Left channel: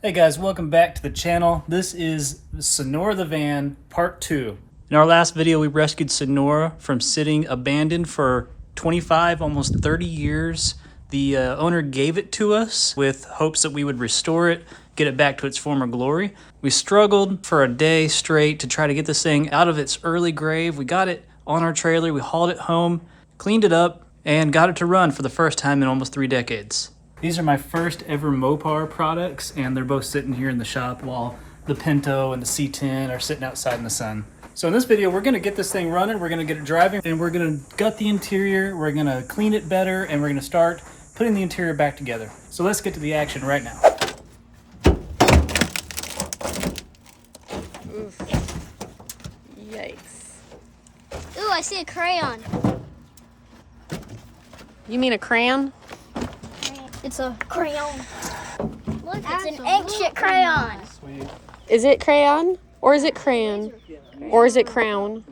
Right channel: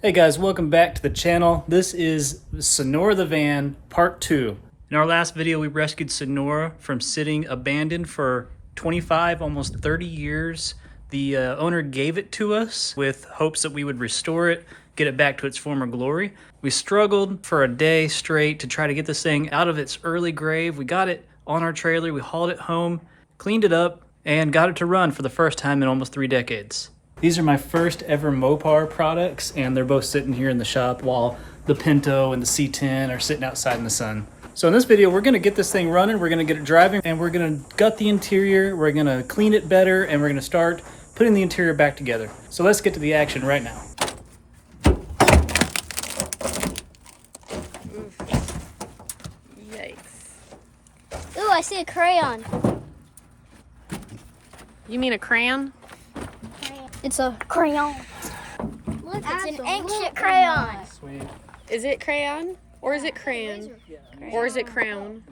Hey guys, welcome back to the channel. This is Sonora the Van Part 2. In our last video, we rescued Sonora from sitting abandoned for 25, almost 30 years. The owner gave it to us with hopes that we would restore it, get it back to its former glory. We struggled for a day straight to try to get this thing out of its early grave. We got it on our trailer, we hauled it home, cleaned it up, and got it to run for the first time in almost 3 decades. These are my first ever Mopar products, and they're both sitting here in the shop while the Pinto and the C10 are sitting outside in the sun. So in this video, we're gonna get this thing running, we're gonna get it driving, and we're gonna gut the interior, we're gonna clean it better, and we're gonna start putting the interior back together. So let's get to the action right now. Oof. Yikes. Ooh, I see a crayon. You mean a crayon? It's a crayon. Look, it's an ancient crayon. Sweet. Is it crayon? Or is it crayon? Or is it crown?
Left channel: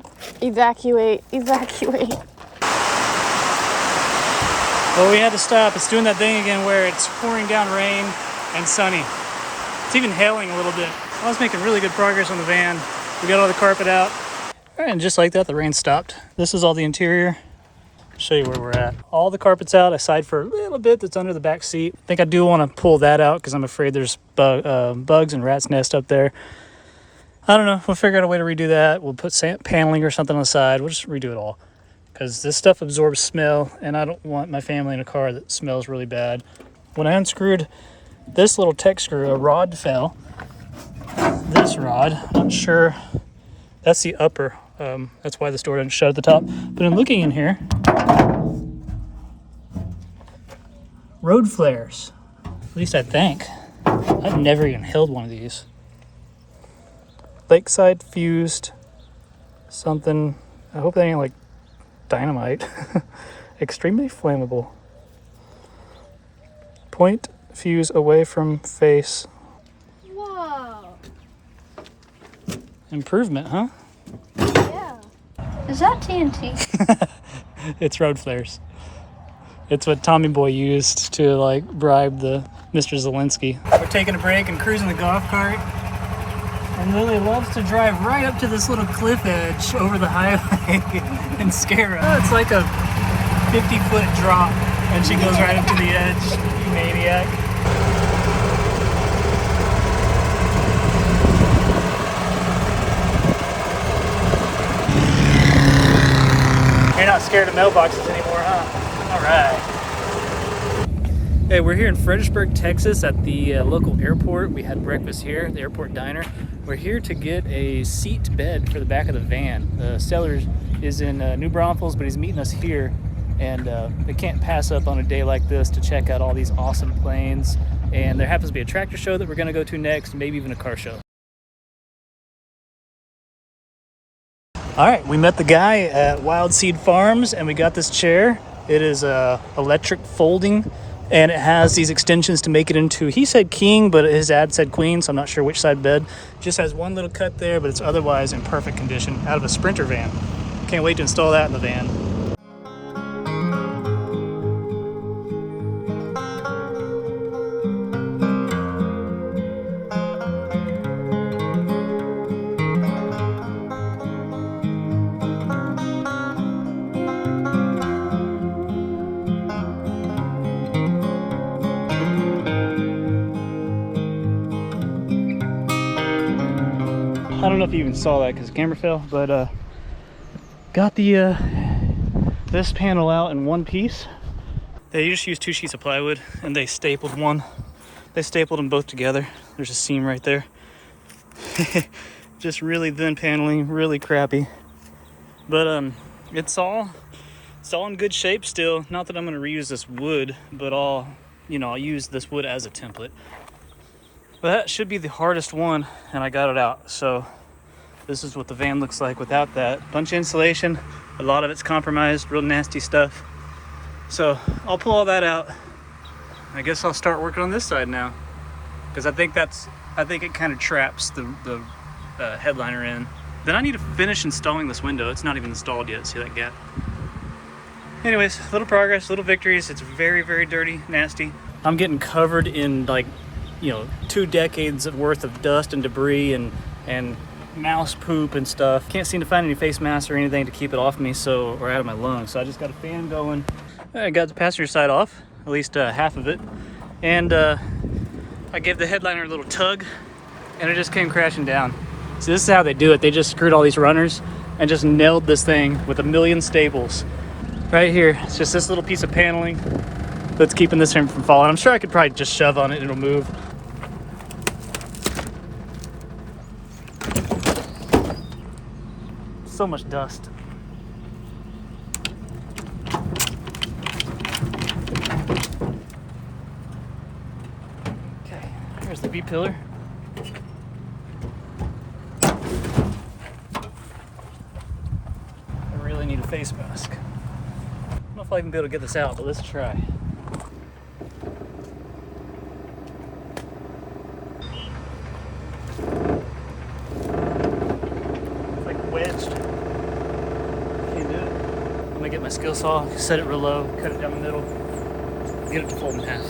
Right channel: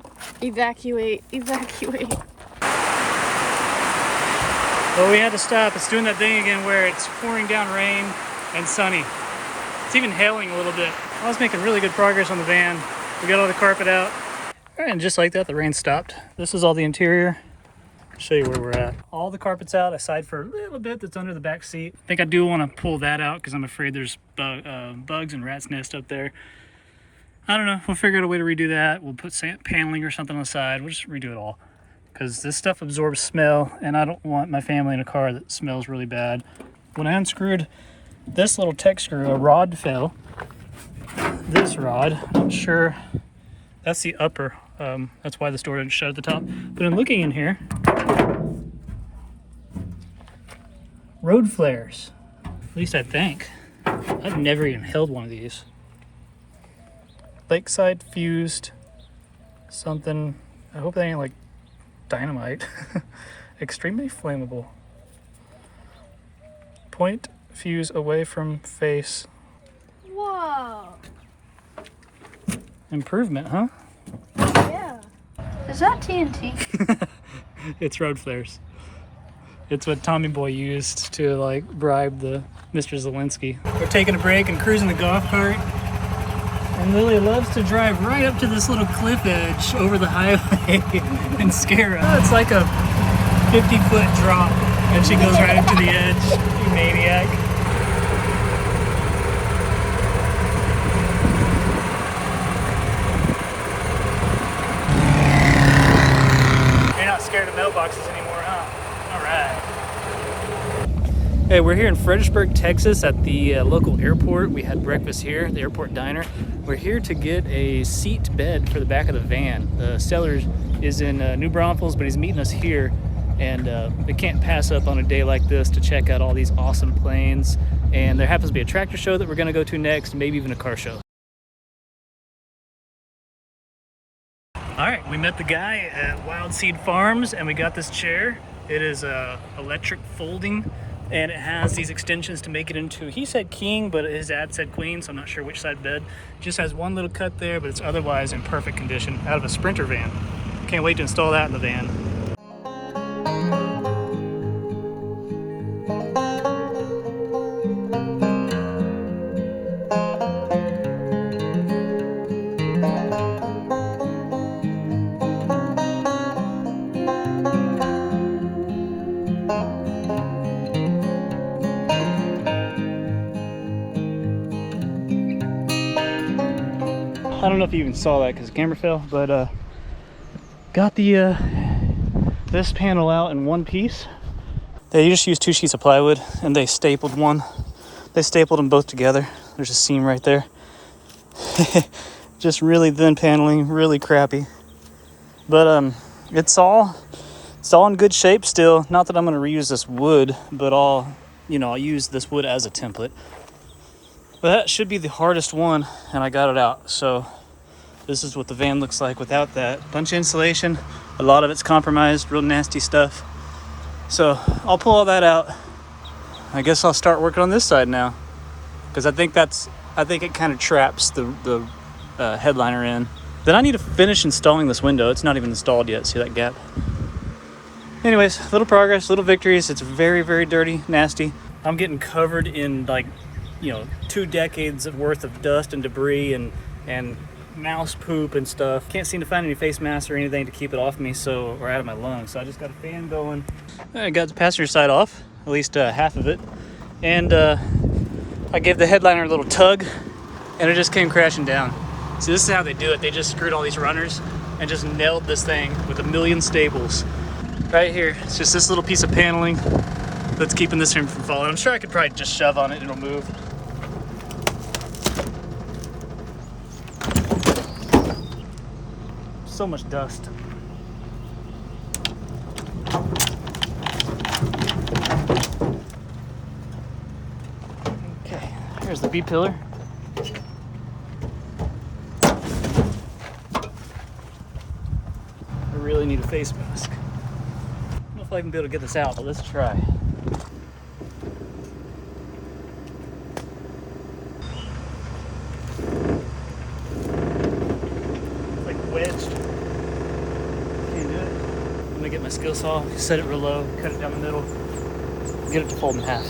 Evacuate. Evacuate. Well, we had to stop. It's doing that thing again where it's pouring down rain and sunny. It's even hailing a little bit. I was making really good progress on the van. We got all the carpet out. All right, and just like that, the rain stopped. This is all the interior. Show you where we're at. All the carpet's out aside for a little bit that's under the back seat. I think I do want to pull that out because I'm afraid there's bugs and rat's nest up there. I don't know. We'll figure out a way to redo that. We'll put paneling or something on the side. We'll just redo it all because this stuff absorbs smell, and I don't want my family in a car that smells really bad. When I unscrewed this little tech screw, a rod fell. This rod, I'm sure that's the upper. That's why this door didn't shut at the top. But in looking in here, road flares. At least I think. I've never even held one of these. Lakeside fused something. I hope that ain't like dynamite. Extremely flammable. Point fuse away from face. Whoa. Improvement, huh? Yeah. Is that TNT? It's road flares. It's what Tommy Boy used to like bribe the Mr. Zelensky. We're taking a break and cruising the golf cart. And Lily loves to drive right up to this little cliff edge over the highway and scare us. Oh, it's like a 50-foot drop and she goes right up to the edge. You maniac. You're not scared of mailboxes anymore, huh? Hey, we're here in Fredericksburg, Texas at the local airport. We had breakfast here, the airport diner. We're here to get a seat bed for the back of the van. The seller is in New Braunfels, but he's meeting us here. And they can't pass up on a day like this to check out all these awesome planes. And there happens to be a tractor show that we're gonna go to next, maybe even a car show. All right, we met the guy at Wild Seed Farms and we got this chair. It is electric folding and it has these extensions to make it into, he said king, but his ad said queen, so I'm not sure which side bed. Just has one little cut there, but it's otherwise in perfect condition out of a Sprinter van. Can't wait to install that in the van. I don't know if you even saw that because the camera fell, but got the this panel out in one piece. They just used 2 sheets of plywood and they stapled one. They stapled them both together. There's a seam right there. Just really thin paneling, really crappy. But it's all in good shape still. Not that I'm gonna reuse this wood, but I'll use this wood as a template. But that should be the hardest one, and I got it out. So this is what the van looks like without that. Bunch of insulation, a lot of it's compromised, real nasty stuff. So I'll pull all that out. I guess I'll start working on this side now, because I think it kind of traps the headliner in. Then I need to finish installing this window. It's not even installed yet. See that gap? Anyways, little progress, little victories. It's very, very dirty, nasty. I'm getting covered in like you know, 2 decades worth of dust and debris and mouse poop and stuff. Can't seem to find any face masks or anything to keep it off me, or out of my lungs. So I just got a fan going. I got the passenger side off, at least half of it. And I gave the headliner a little tug and it just came crashing down. So this is how they do it. They just screwed all these runners and just nailed this thing with 1,000,000 staples. Right here, it's just this little piece of paneling that's keeping this thing from falling. I'm sure I could probably just shove on it and it'll move. So much dust. Okay, here's the B-pillar. I really need a face mask. I don't know if I'll even be able to get this out, but let's try. It's like wedged. Can't do it. I'm gonna get my skill saw, set it real low, cut it down the middle, get it to fold in half.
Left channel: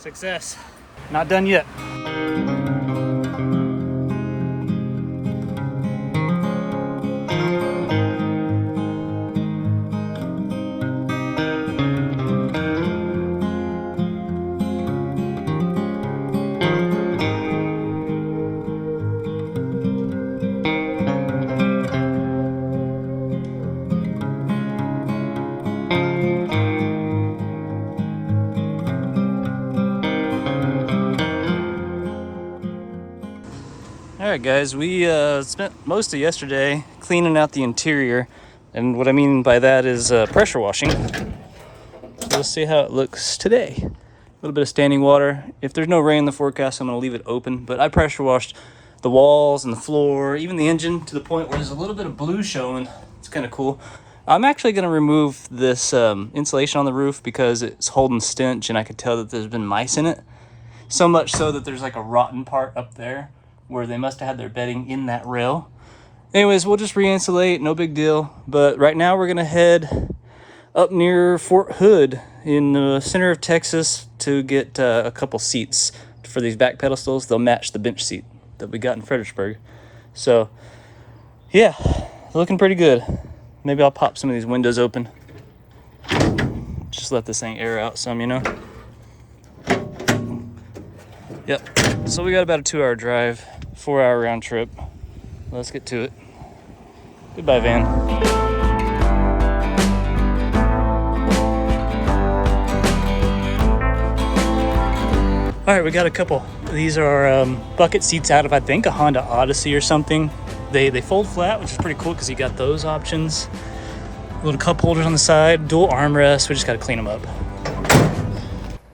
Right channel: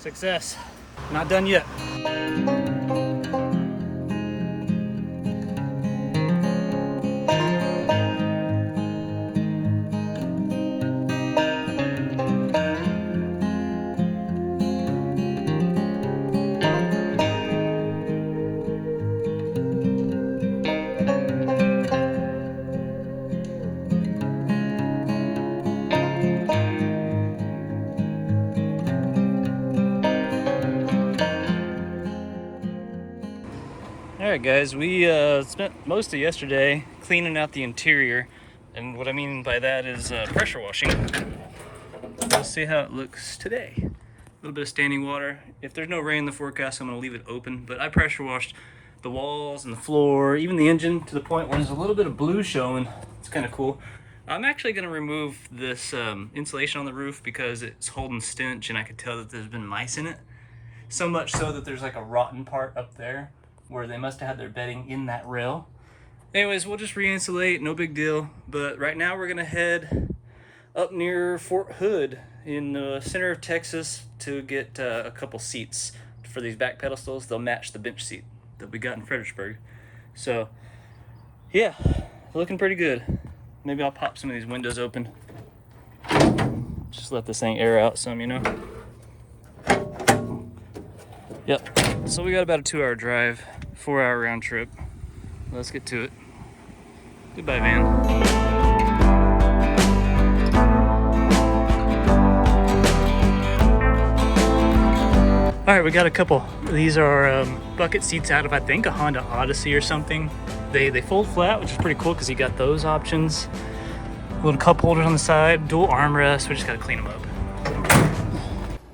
Success. Not done yet. Alright guys, we spent most of yesterday cleaning out the interior, and what I mean by that is pressure washing. Let's see how it looks today. A little bit of standing water. If there's no rain in the forecast, I'm going to leave it open, but I pressure washed the walls and the floor, even the engine, to the point where there's a little bit of blue showing. It's kind of cool. I'm actually going to remove this insulation on the roof because it's holding stench and I could tell that there's been mice in it. So much so that there's like a rotten part up there where they must have had their bedding in that rail. Anyways, we'll just re-insulate, no big deal. But right now we're gonna head up near Fort Hood in the center of Texas to get a couple seats for these back pedestals. They'll match the bench seat that we got in Fredericksburg. So yeah, looking pretty good. Maybe I'll pop some of these windows open. Just let this thing air out some, you know? Yep, so we got about a 2-hour drive, 4-hour round trip. Let's get to it. Goodbye, van. All right, we got a couple. These are bucket seats out of, I think, a Honda Odyssey or something. They fold flat, which is pretty cool because you got those options. Little cup holders on the side, dual armrests. We just got to clean them up.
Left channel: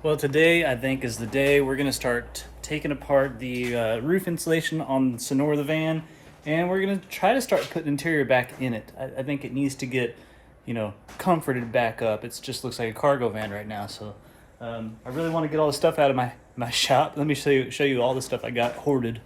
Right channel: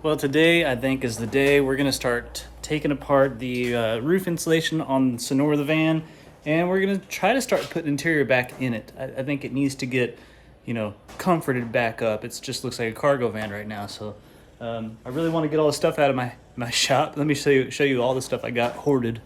Well, today I think is the day we're gonna start taking apart the roof insulation on Sonora the van, and we're gonna try to start putting interior back in it. I think it needs to get, you know, comforted back up. It just looks like a cargo van right now. So I really want to get all the stuff out of my shop. Let me show you all the stuff I got hoarded.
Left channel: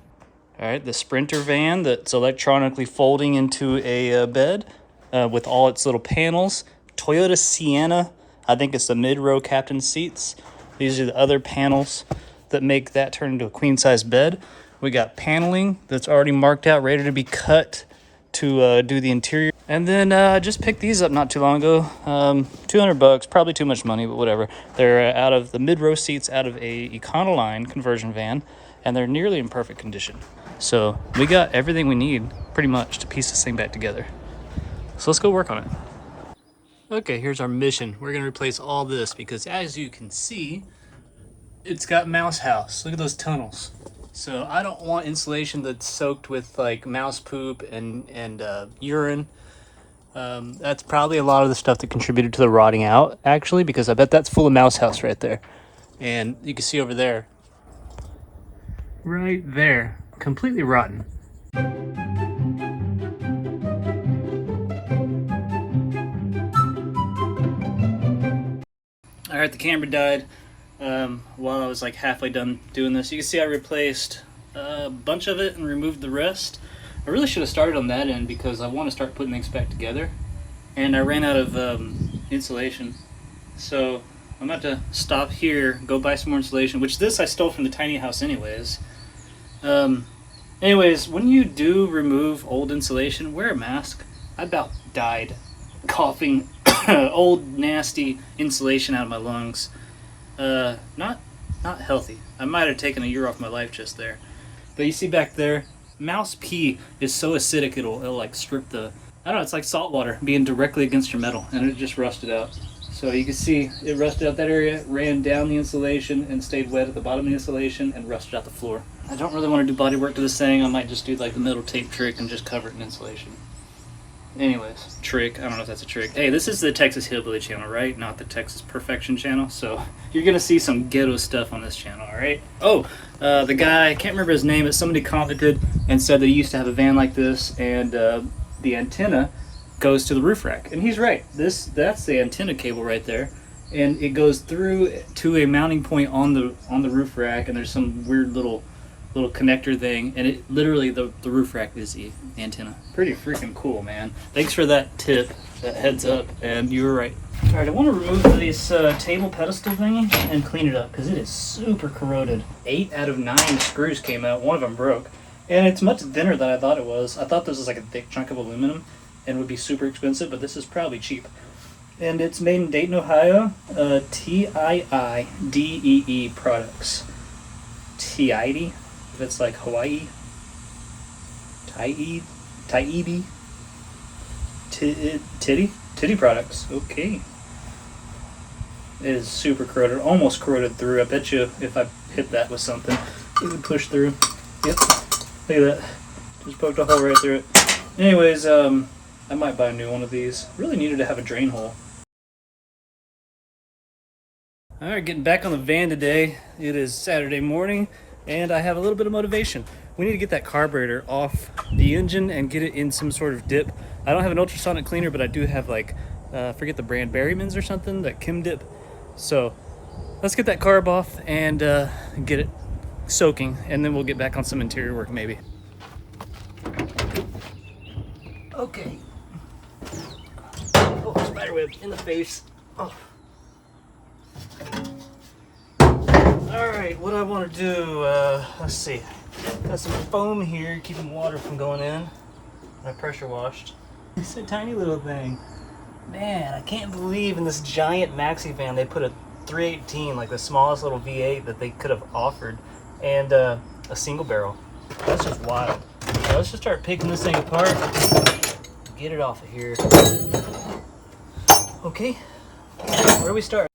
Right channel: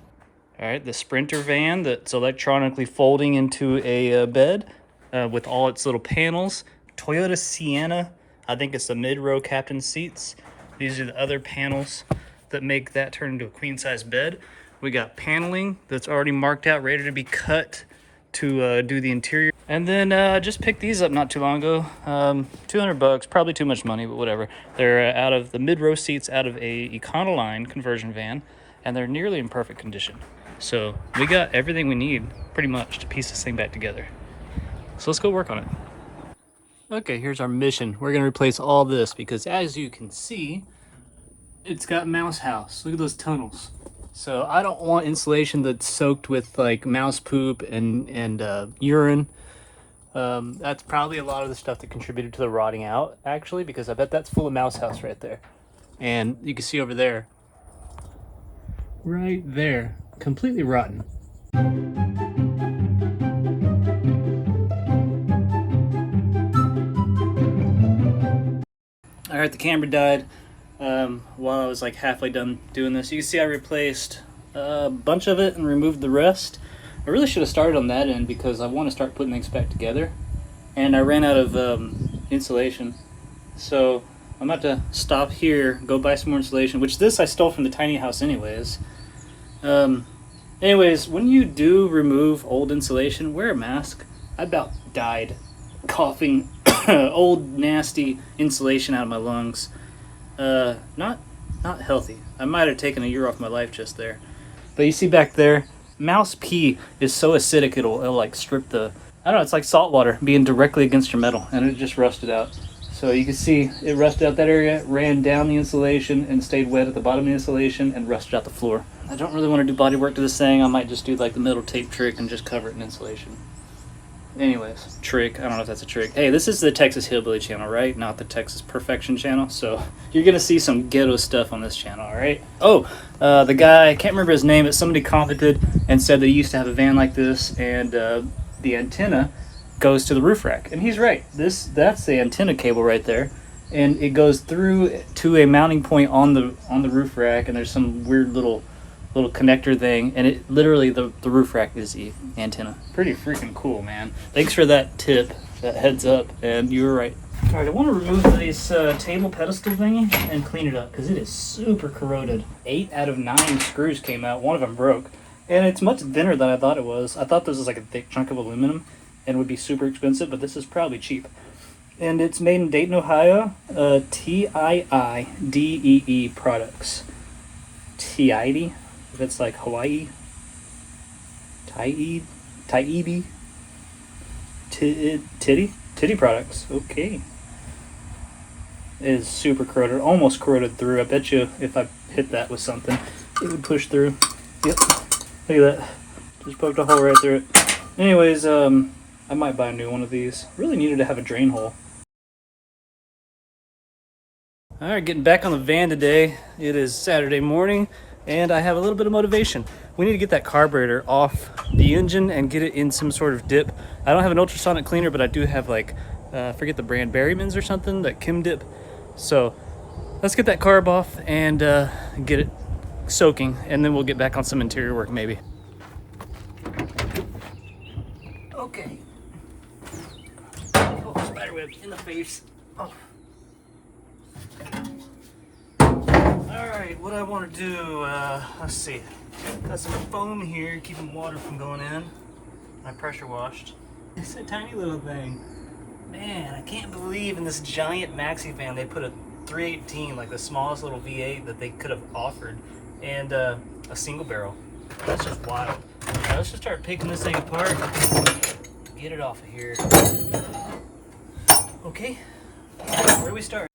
All right, the Sprinter van that's electronically folding into a bed with all its little panels. Toyota Sienna, I think it's the mid-row captain seats. These are the other panels that make that turn into a queen-size bed. We got paneling that's already marked out, ready to be cut to do the interior. And then I just picked these up not too long ago. $200, probably too much money, but whatever. They're out of the mid-row seats out of a Econoline conversion van, and they're nearly in perfect condition. So we got everything we need pretty much to piece this thing back together. So let's go work on it. Okay, here's our mission. We're gonna replace all this because as you can see, it's got mouse house. Look at those tunnels. So I don't want insulation that's soaked with like mouse poop and urine. That's probably a lot of the stuff that contributed to the rotting out, actually, because I bet that's full of mouse house right there. And you can see over there, right there, completely rotten. All right, the camera died while I was like halfway done doing this. You can see I replaced a bunch of it and removed the rest. I really should have started on that end because I want to start putting things back together. And I ran out of insulation. So I'm about to stop here, go buy some more insulation, which this I stole from the tiny house anyways. Anyways, when you do remove old insulation, wear a mask. I about died coughing old nasty insulation out of my lungs. Not healthy. I might have taken a year off my life just there. But you see back there, mouse pee is so acidic it'll like strip the, I don't know, it's like salt water being directly against your metal, and it just rusted out. So you can see it rusted out that area, ran down the insulation and stayed wet at the bottom of the insulation and rusted out the floor. I don't really want to do body work to this thing. I might just do like the metal tape trick and just cover it in insulation. Anyways, trick, I don't know if that's a trick. Hey, this is the Texas Hillbilly channel, right? Not the Texas Perfection channel. So you're gonna see some ghetto stuff on this channel, all right? Oh, the guy, I can't remember his name, but somebody commented and said that he used to have a van like this, and the antenna goes to the roof rack. And he's right. That's the antenna cable right there. And it goes through to a mounting point on the roof rack, and there's some weird little connector thing, and it literally the roof rack is the antenna. Pretty freaking cool, man. Thanks for that tip, that heads up, and you were right. All right, I want to remove this table pedestal thingy and clean it up because it is super corroded. 8 out of 9 screws came out. One of them broke, and it's much thinner than I thought it was. I thought this was like a thick chunk of aluminum and would be super expensive, but this is probably cheap. And it's made in Dayton, Ohio. TIIDEE products. TIIDE. If it's like Hawaii, Titty products. Okay. It is super corroded, almost corroded through. I bet you if I hit that with something, it would push through. Yep. Look at that. Just poked a hole right through it. Anyways, I might buy a new one of these. Really needed to have a drain hole. All right, getting back on the van today. It is Saturday morning, and I have a little bit of motivation. We need to get that carburetor off the engine and get it in some sort of dip. I don't have an ultrasonic cleaner, but I do have like, forget the brand, Berryman's or something, that Kim dip. So let's get that carb off and get it soaking, and then we'll get back on some interior work maybe. Okay. Oh, spiderweb in the face. Oh. All right, what I want to do, let's see. Got some foam here, keeping water from going in. I pressure washed. It's a tiny little thing. Man, I can't believe in this giant MaxiVan they put a 318, like the smallest little V8 that they could have offered, and a single barrel. That's just wild. Now let's just start picking this thing apart. Get it off of here. Okay, where do we start?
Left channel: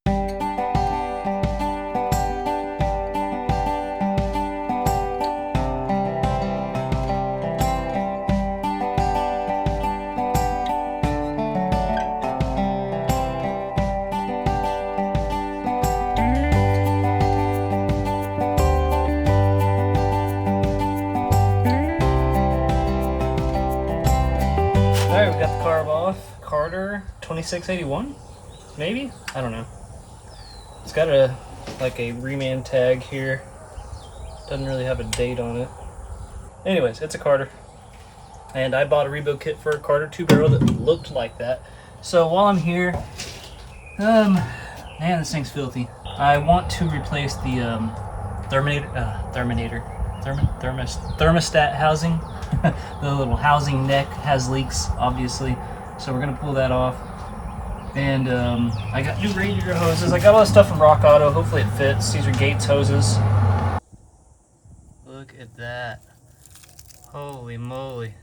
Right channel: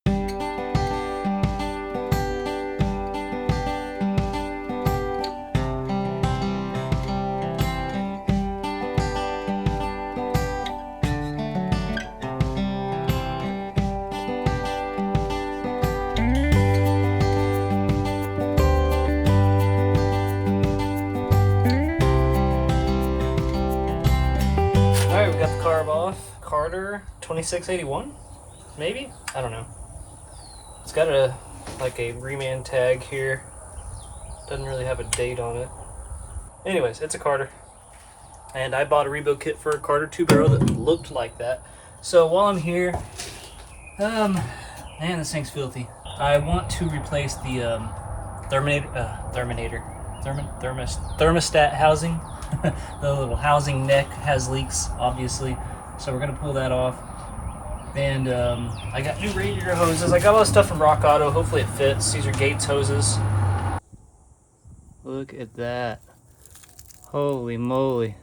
Alright, we got the carb off. Carter 2681, maybe? I don't know. It's got a reman tag here. Doesn't really have a date on it. Anyways, it's a Carter. And I bought a rebuild kit for a Carter 2-barrel that looked like that. So while I'm here, man, this thing's filthy. I want to replace the thermostat housing. The little housing neck has leaks, obviously. So we're gonna pull that off. And I got new radiator hoses. I got all this stuff from Rock Auto. Hopefully it fits. These are Gates hoses. Look at that. Holy moly.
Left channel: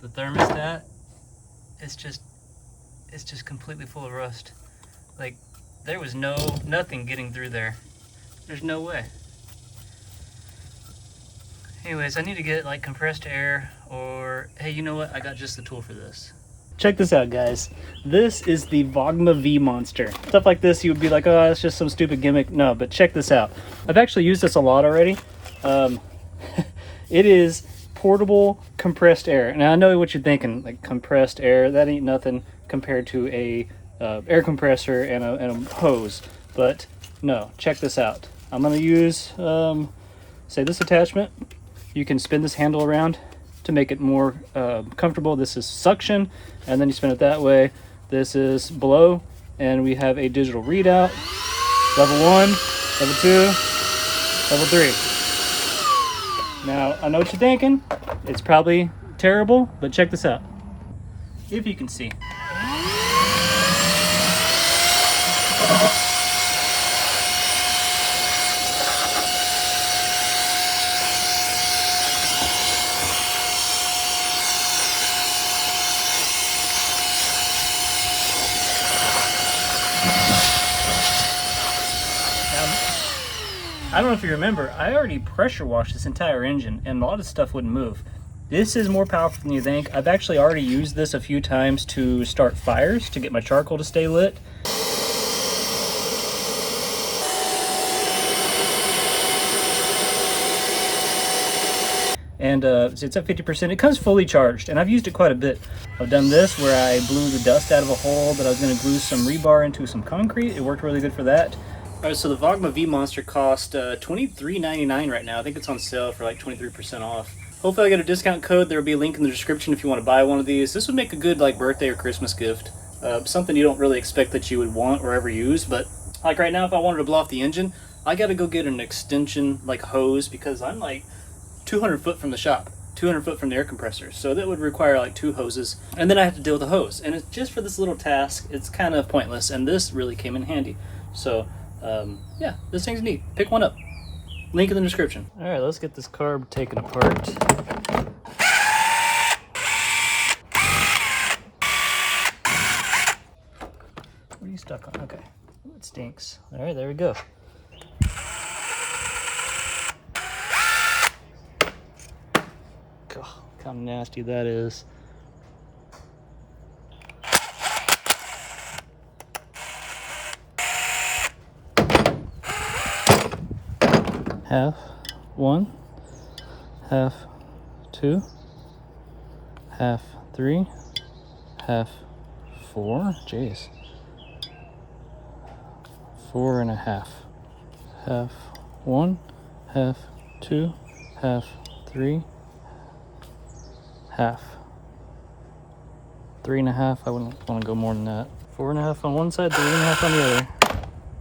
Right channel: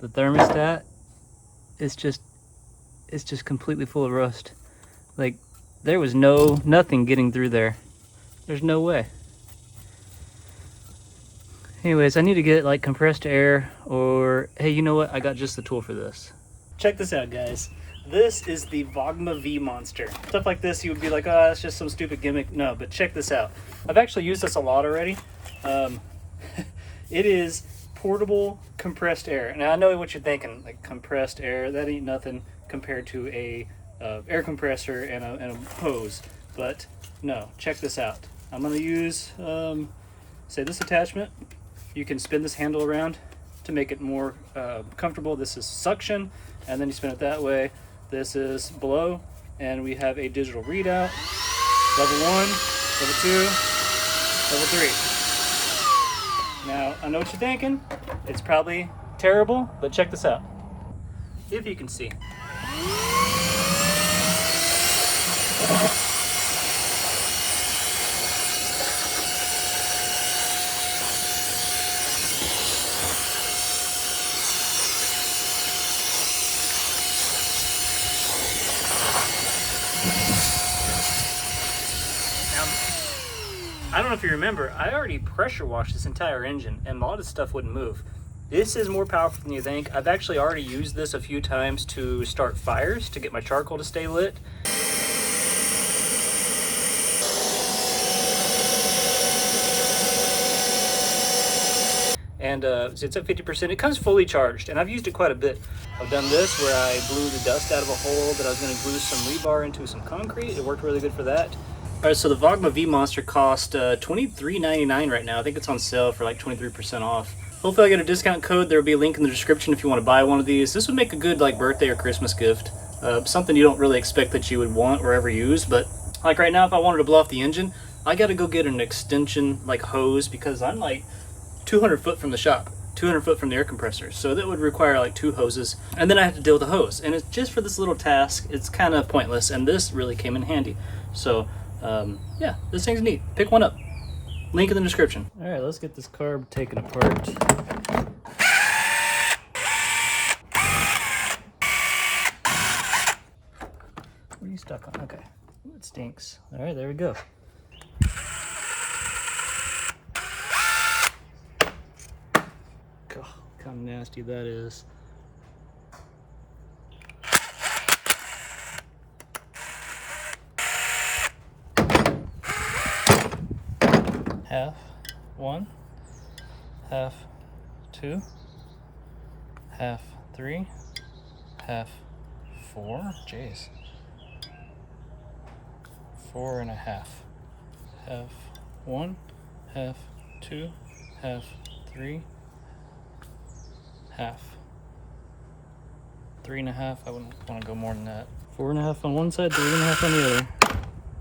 The thermostat, it's just completely full of rust. Like, there was nothing getting through there. There's no way. Anyways, I need to get like compressed air, or hey, you know what? I got just the tool for this. Check this out, guys. This is the Vogma V Monster. Stuff like this, you would be like, oh, that's just some stupid gimmick. No, but check this out. I've actually used this a lot already. It is portable compressed air. Now, I know what you're thinking, like compressed air, that ain't nothing compared to a air compressor and a hose. But no, check this out. I'm gonna use, say, this attachment. You can spin this handle around to make it more comfortable. This is suction, and then you spin it that way. This is blow, and we have a digital readout. Level 1, level 2, level 3. Now, I know what you're thinking. It's probably terrible, but check this out. If you can see. I don't know if you remember, I already pressure washed this entire engine and a lot of stuff wouldn't move. This is more powerful than you think. I've actually already used this a few times to start fires, to get my charcoal to stay lit. And so it's at 50%. It comes fully charged, and I've used it quite a bit. I've done this where I blew the dust out of a hole that I was going to glue some rebar into some concrete. It worked really good for that. All right, so the Vogma V Monster cost $23.99 right now. I think it's on sale for like 23% off. Hopefully I get a discount code. There will be a link in the description if you want to buy one of these. This would make a good like birthday or Christmas gift. Something you don't really expect that you would want or ever use, but like right now if I wanted to blow off the engine, I got to go get an extension like hose because I'm like 200 foot from the shop, 200 foot from the air compressor. So that would require like 2 hoses, and then I have to deal with the hose. And it's just for this little task, it's kind of pointless, and this really came in handy. So yeah, this thing's neat. Pick one up. Link in the description. All right, let's get this carb taken apart. What are you stuck on? Okay. Ooh, it stinks. All right, there we go. God, look how nasty that is. Half 1, half 2, half 3, half 4. Jeez. 4 and a half. Half 1, half 2, half 3, half 3 and a half. I wouldn't want to go more than that. 4 and a half on one side, 3 and a half on the other.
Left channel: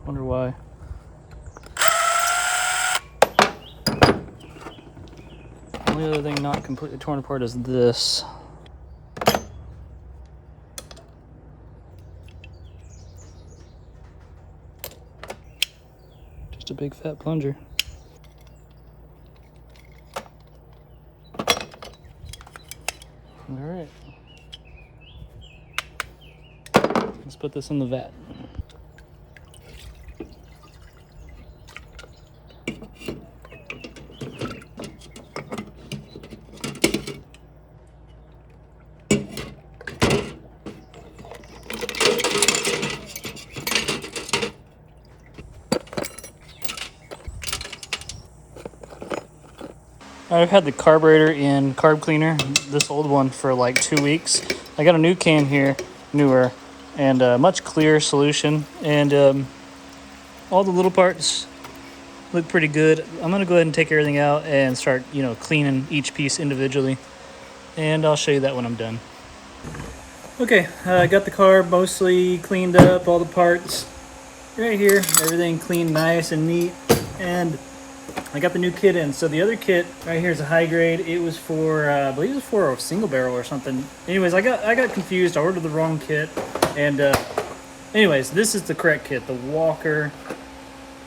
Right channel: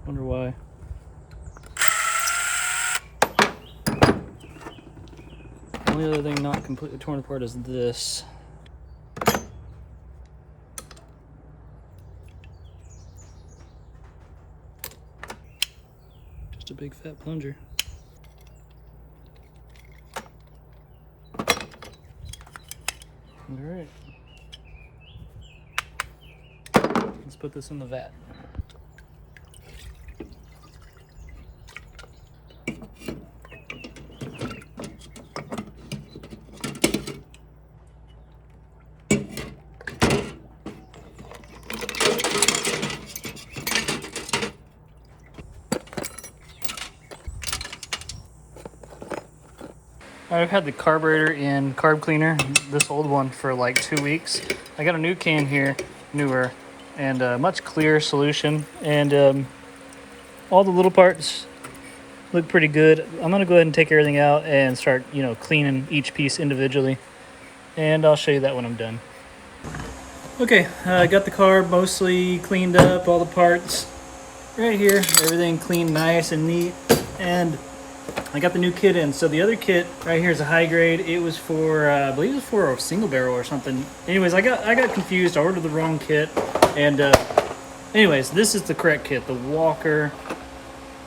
Wonder why. The only other thing not completely torn apart is this. Just a big fat plunger. All right. Let's put this in the vat. I've had the carburetor in carb cleaner, this old one, for like 2 weeks. I got a new can here, newer, and a much clearer solution. And all the little parts look pretty good. I'm gonna go ahead and take everything out and start, cleaning each piece individually. And I'll show you that when I'm done. Okay, I got the carb mostly cleaned up, all the parts right here, everything clean, nice and neat. And I got the new kit in. So the other kit right here is a high grade. It was for, I believe it was for a single barrel or something. Anyways, I got confused. I ordered the wrong kit. And anyways, this is the correct kit, the Walker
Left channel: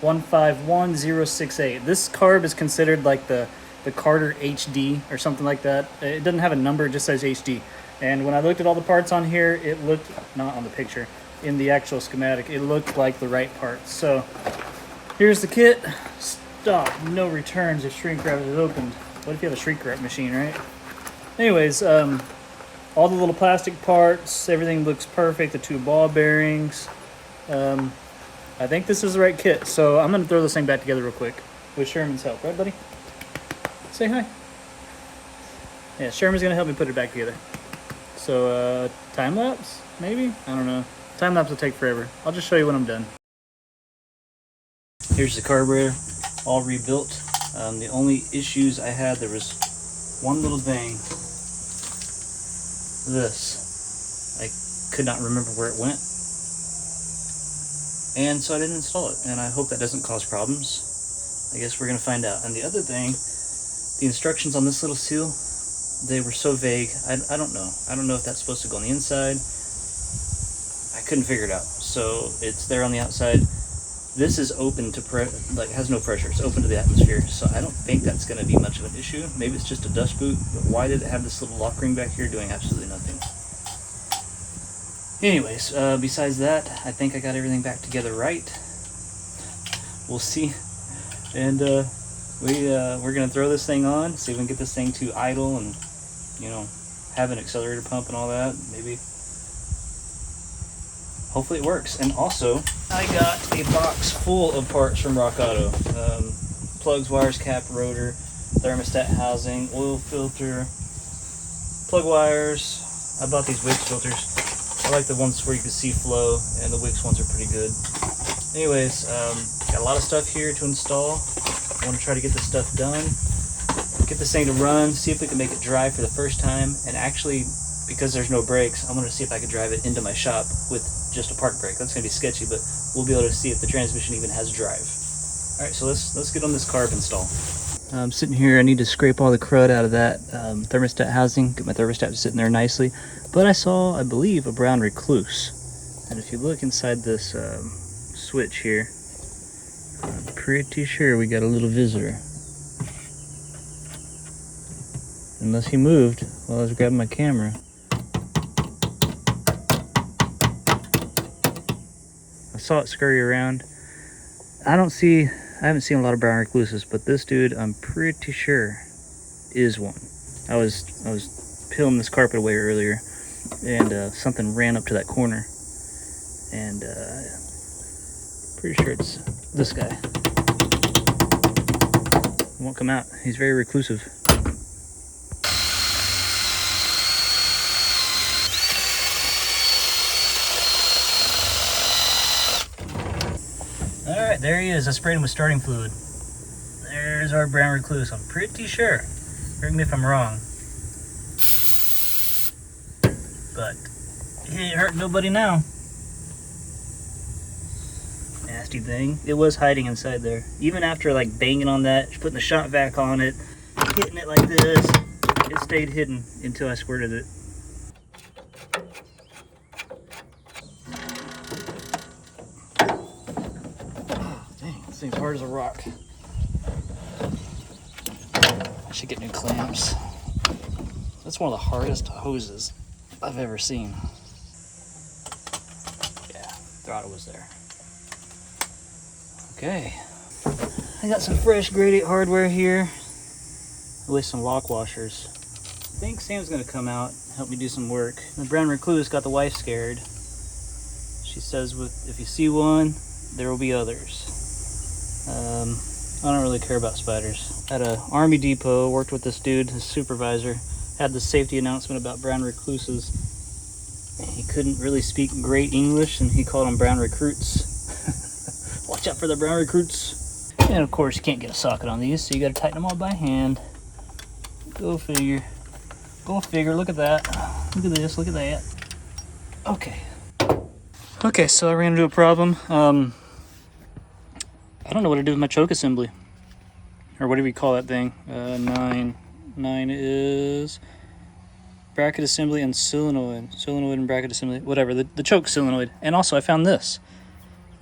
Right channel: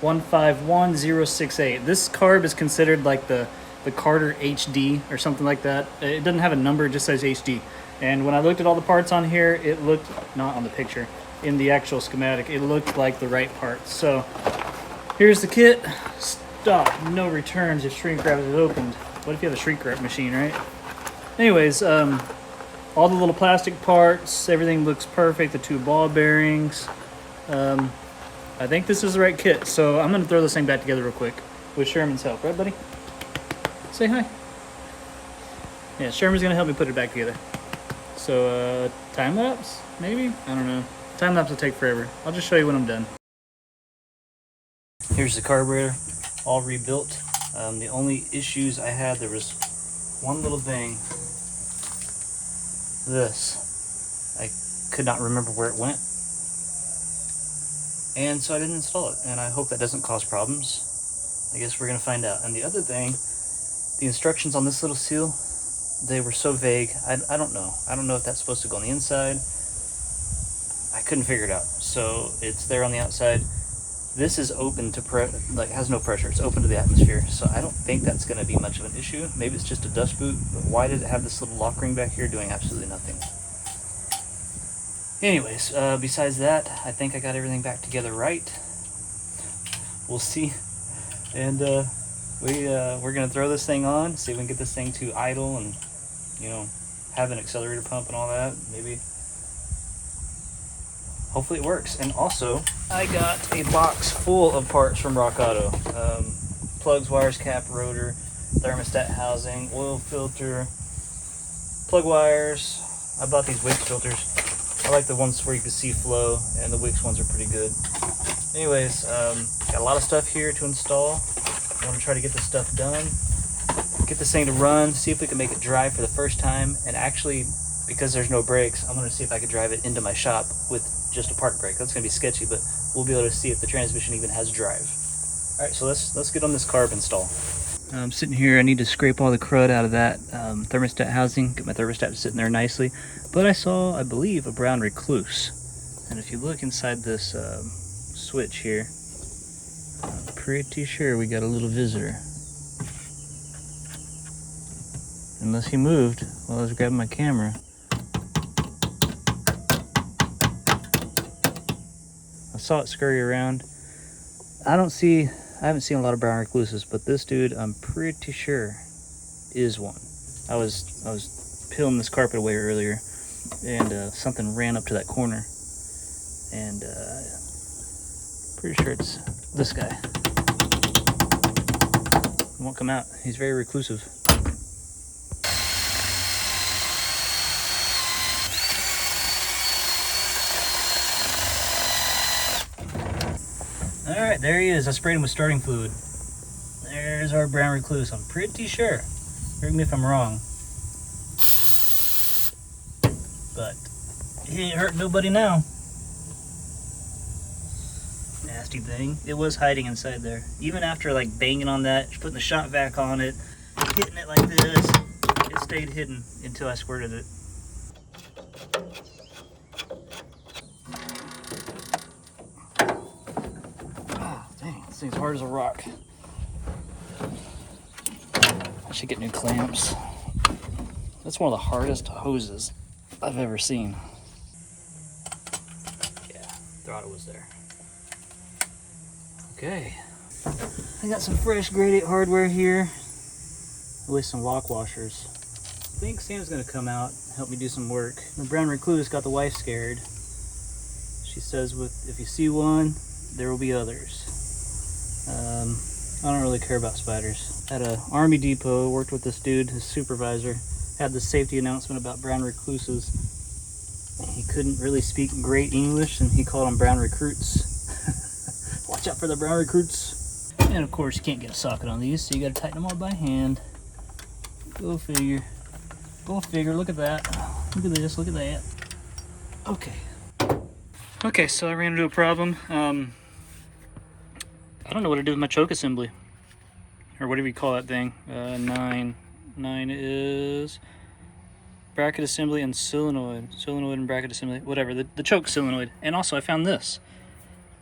151068. This carb is considered like the the Carter HD or something like that. It doesn't have a number, it just says HD. And when I looked at all the parts on here, it looked, not on the picture, in the actual schematic, it looked like the right parts. So here's the kit. Stop, no returns if shrink wrap is opened. What if you have a shrink wrap machine, right? Anyways, all the little plastic parts, everything looks perfect. The 2 ball bearings. I think this is the right kit. So I'm gonna throw this thing back together real quick with Sherman's help, right, buddy? Say hi. Yeah, Sherman's gonna help me put it back together. So time lapse, maybe? I don't know. Time lapse will take forever. I'll just show you when I'm done. Here's the carburetor, all rebuilt. The only issues I had, there was one little thing. This. I could not remember where it went. And so I didn't install it. And I hope that doesn't cause problems. I guess we're gonna find out. And the other thing, the instructions on this little seal, they were so vague. I don't know. I don't know if that's supposed to go on the inside. I couldn't figure it out. So it's there on the outside. This is open to has no pressure. It's open to the atmosphere. So I don't think that's going to be much of an issue. Maybe it's just a dust boot. But why did it have this little lock ring back here doing absolutely nothing? Anyways, besides that, I think I got everything back together right. We'll see. And we're gonna throw this thing on, see if we can get this thing to idle and, you know, have an accelerator pump and all that. Maybe, hopefully it works. And also, I got a box full of parts from Rock Auto. Plugs, wires, cap, rotor, thermostat housing, oil filter, plug wires. I bought these Wix filters. I like the ones where you can see flow, and the Wix ones are pretty good. Anyways, got a lot of stuff here to install. I want to try to get this stuff done, get this thing to run, see if we can make it drive for the first time. And actually, because there's no brakes, I'm going to see if I can drive it into my shop with just a park brake. That's going to be sketchy, but we'll be able to see if the transmission even has drive. All right, so let's get on this carb install. I'm sitting here, I need to scrape all the crud out of that thermostat housing, get my thermostat sitting there nicely. But I saw, I believe, a brown recluse. And if you look inside this switch here, I'm pretty sure we got a little visitor. Unless he moved while I was grabbing my camera. I saw it scurry around. I haven't seen a lot of brown recluses, but this dude, I'm pretty sure, is one. I was peeling this carpet away earlier, and something ran up to that corner, and pretty sure it's this guy. He won't come out. He's very reclusive. All right, there he is. I sprayed him with starting fluid. There's our brown recluse. I'm pretty sure. Correct me if I'm wrong. But he ain't hurt nobody now. Nasty thing. It was hiding inside there. Even after like banging on that, putting the shot vac on it, hitting it like this, it stayed hidden until I squirted it. Oh dang, this thing's hard as a rock. I should get new clamps. That's one of the hardest hoses I've ever seen. Yeah, throttle was there. Okay. I got some fresh grade 8 hardware here with some lock washers. I think Sam's gonna come out and help me do some work. The brown recluse got the wife scared. She says if you see one, there will be others. I don't really care about spiders. At a Army depot, worked with this dude, his supervisor, had the safety announcement about brown recluses. He couldn't really speak great English, and he called them brown recruits. Watch out for the brown recruits. And of course, you can't get a socket on these, so you gotta tighten them all by hand. Go figure. Go figure, look at that. Look at this, look at that. Okay. Okay, so I ran into a problem. I don't know what to do with my choke assembly, or whatever you call that thing. 9 is bracket assembly and solenoid and bracket assembly, whatever, the choke solenoid. And also I found this,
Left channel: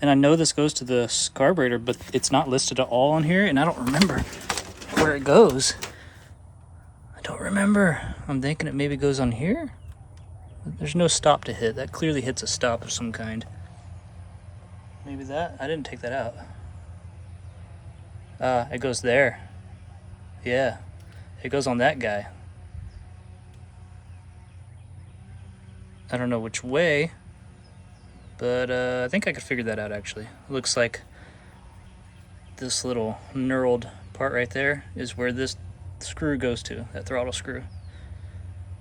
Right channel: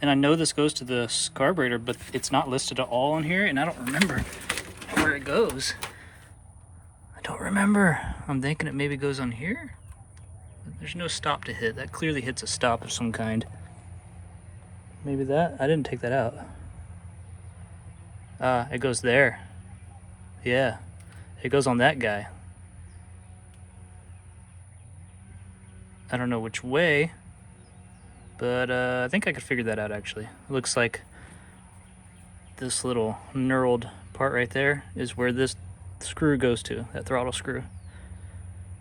and I know this goes to the carburetor, but it's not listed at all on here, and I don't remember where it goes. I don't remember. I'm thinking it maybe goes on here. There's no stop to hit. That clearly hits a stop of some kind. Maybe that? I didn't take that out. It goes there. Yeah, it goes on that guy. I don't know which way, but I think I could figure that out actually. It looks like this little knurled part right there is where this screw goes to, that throttle screw.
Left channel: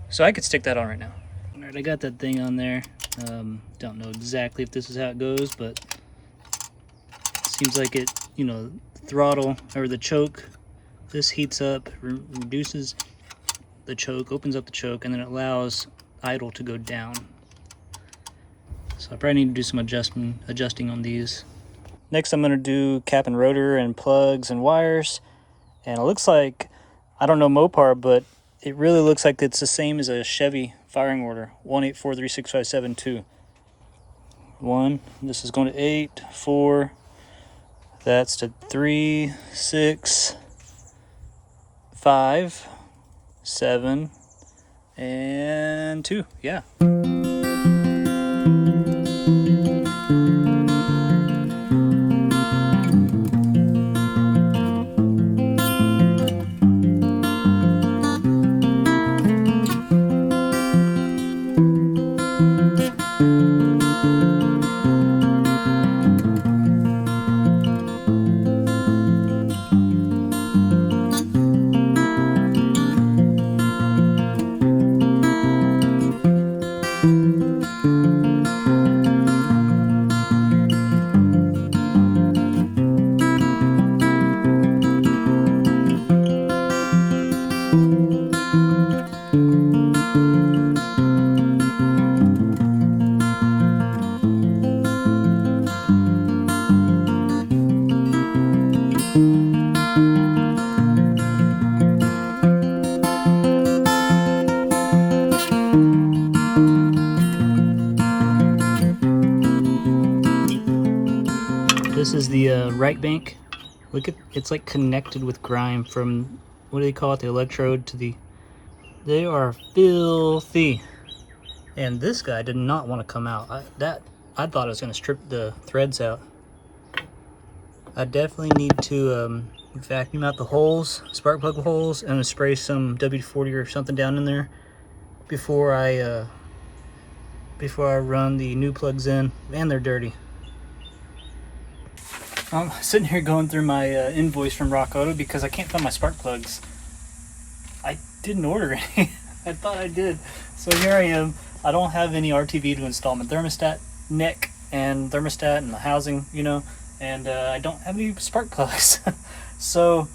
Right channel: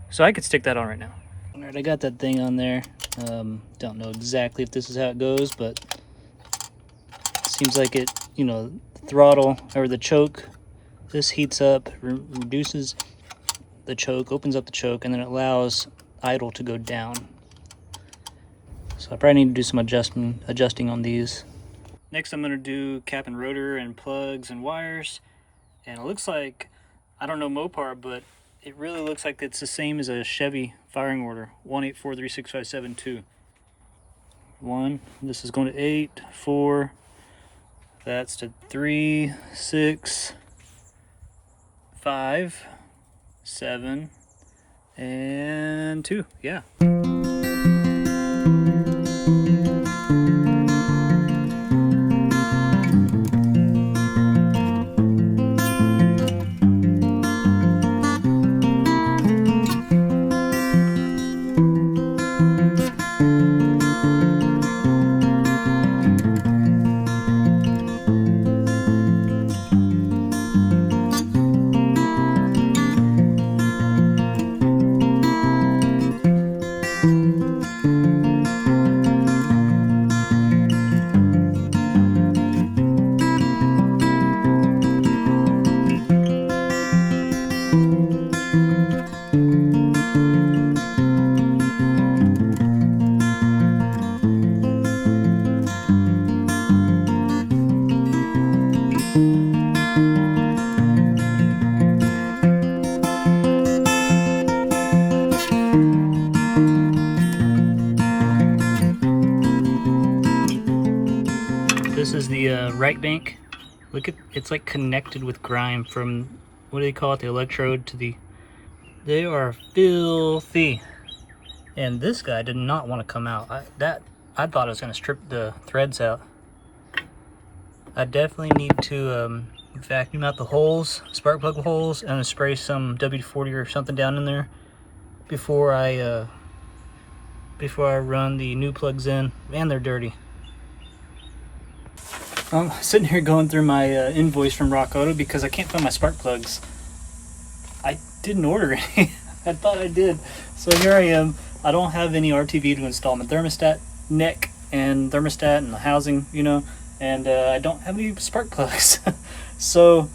So I could stick that on right now. All right, I got that thing on there. Don't know exactly if this is how it goes, but it seems like it, you know, throttle or the choke, this heats up, reduces the choke, opens up the choke, and then it allows idle to go down. So I probably need to do some adjusting on these. Next I'm gonna do cap and rotor and plugs and wires. And it looks like, I don't know Mopar, but it really looks like it's the same as a Chevy firing order, 1843657 1, this is going to 8, 4, that's to 3, 6, 5, 7, and 2, yeah. This is the right bank. Look at, it's like connected with grime from, what do they call it, the electrode to the, they are filthy. And this guy did not want to come out. I thought I was going to strip the threads out. I definitely need to vacuum out the holes, spark plug holes, and spray some WD-40 or something down in there before I run the new plugs in. Man, they're dirty. I'm sitting here going through my invoice from Rock Auto because I can't find my spark plugs. I didn't order any. I thought I did. So here I am. I don't have any RTV to install my thermostat neck and thermostat and the housing, you know, and I don't have any spark plugs. So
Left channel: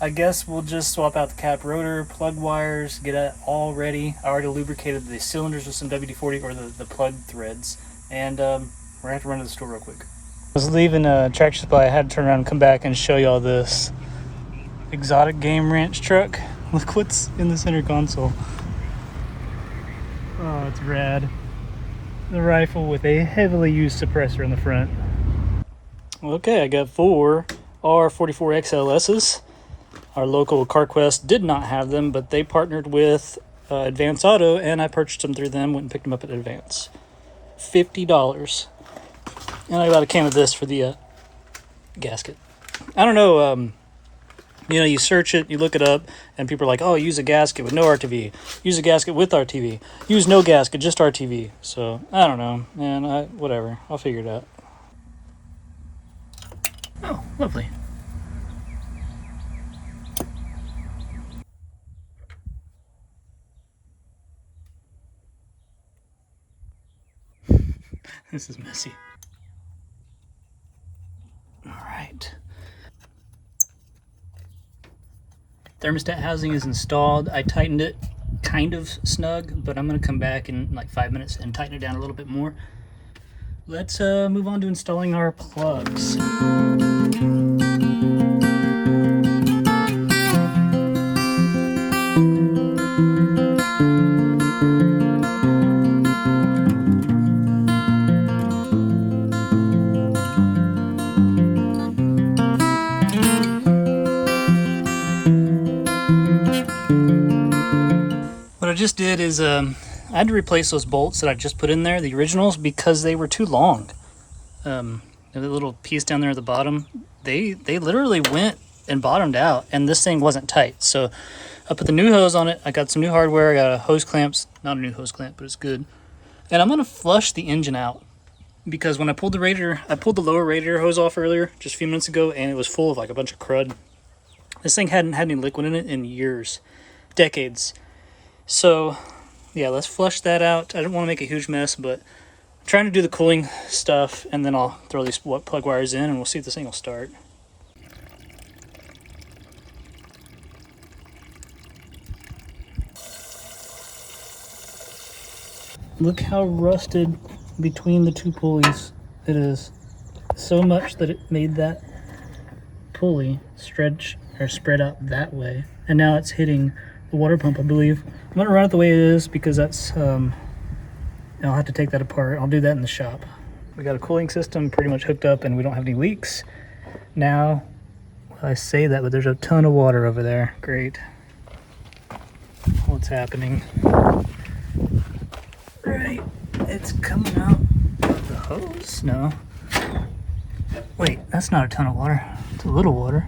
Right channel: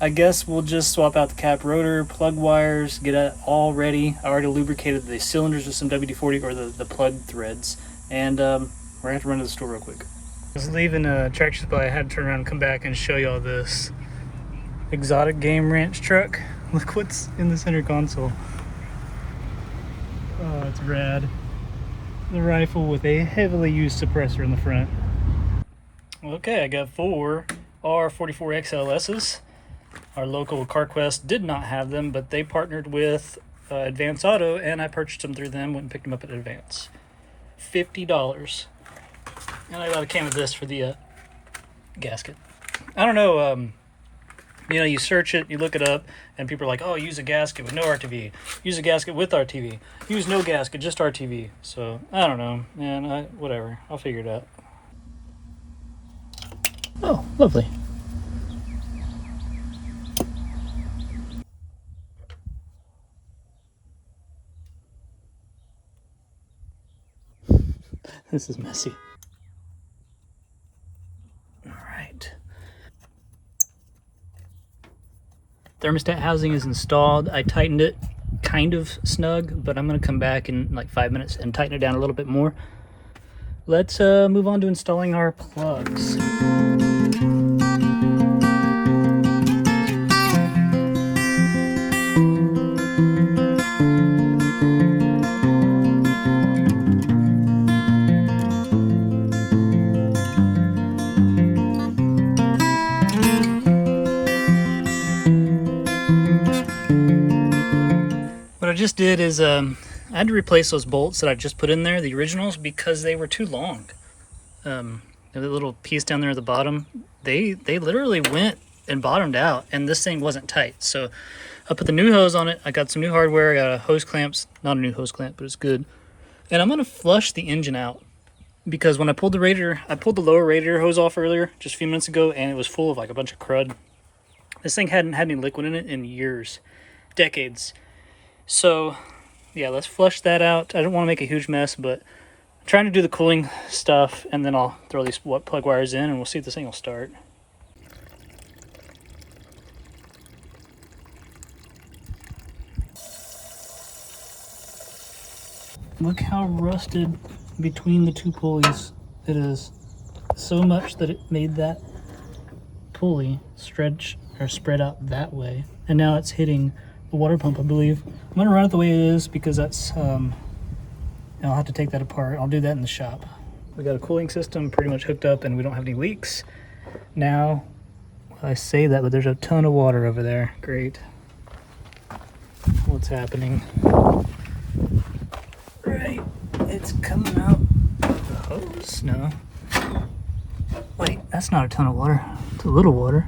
I guess we'll just swap out the cap rotor, plug wires, get it all ready. I already lubricated the cylinders with some WD-40 or the plug threads, and we're going to have to run to the store real quick. I was leaving Tractor Supply. I had to turn around and come back and show y'all this exotic game ranch truck. Look what's in the center console. Oh, it's rad. The rifle with a heavily used suppressor in the front. Okay, I got 4 R44 XLS's. Our local CarQuest did not have them, but they partnered with Advance Auto, and I purchased them through them, went and picked them up at Advance. $50. And I got a can of this for the gasket. I don't know, you know, you search it, you look it up, and people are like, oh, use a gasket with no RTV. Use a gasket with RTV. Use no gasket, just RTV. So, I don't know, man, whatever. I'll figure it out. Oh, lovely. This is messy. All right. Thermostat housing is installed. I tightened it kind of snug, but I'm gonna come back in like 5 minutes and tighten it down a little bit more. Let's move on to installing our plugs. I just did is I had to replace those bolts that I just put in there, the originals, because they were too long. The little piece down there at the bottom, they literally went and bottomed out, and this thing wasn't tight. So I put the new hose on it. I got some new hardware. I got a hose clamps, not a new hose clamp, but it's good. And I'm gonna flush the engine out because when I pulled the lower radiator hose off earlier, just a few minutes ago, and it was full of like a bunch of crud. This thing hadn't had any liquid in it in years, decades. So yeah, let's flush that out. I don't want to make a huge mess, but I'm trying to do the cooling stuff, and then I'll throw these plug wires in, and we'll see if this thing will start. Look how rusted between the two pulleys it is. So much that it made that pulley stretch or spread out that way. And now it's hitting the water pump, I believe. I'm gonna run it the way it is because that's, I'll have to take that apart. I'll do that in the shop. We got a cooling system pretty much hooked up and we don't have any leaks. Now, well, I say that, but there's a ton of water over there. Great. What's happening? Right, it's coming out of the hose. No. Wait, that's not a ton of water. It's a little water.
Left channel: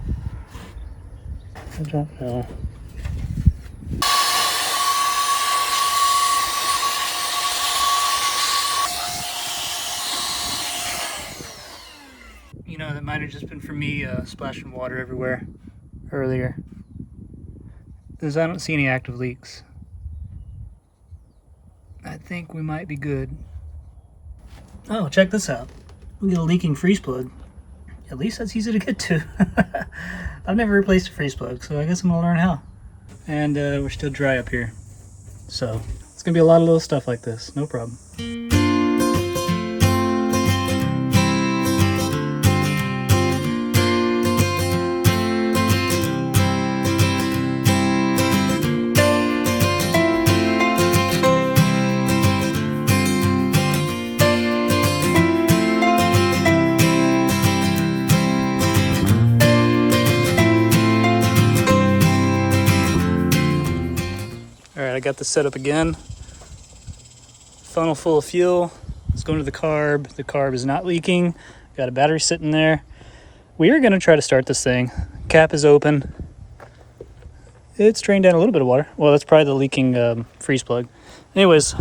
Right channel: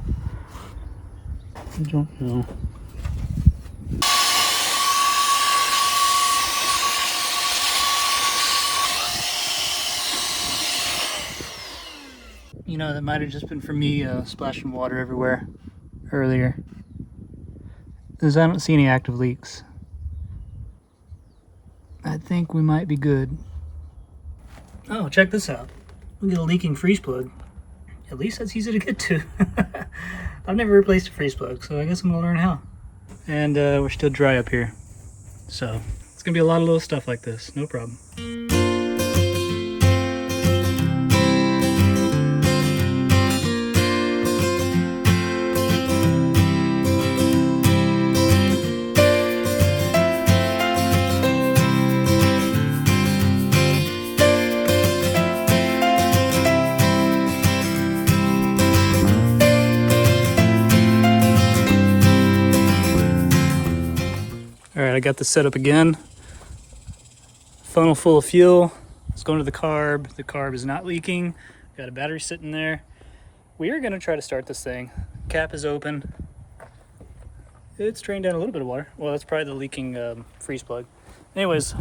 I don't know. You know, that might have just been for me splashing water everywhere earlier. Because I don't see any active leaks. I think we might be good. Oh, check this out. We get a leaking freeze plug. At least that's easy to get to. I've never replaced a freeze plug, so I guess I'm gonna learn how. And we're still dry up here. So it's gonna be a lot of little stuff like this, no problem. I got this set up again. Funnel full of fuel. It's going to the carb. The carb is not leaking. Got a battery sitting there. We are going to try to start this thing. Cap is open. It's drained down a little bit of water. Well, that's probably the leaking freeze plug. Anyways,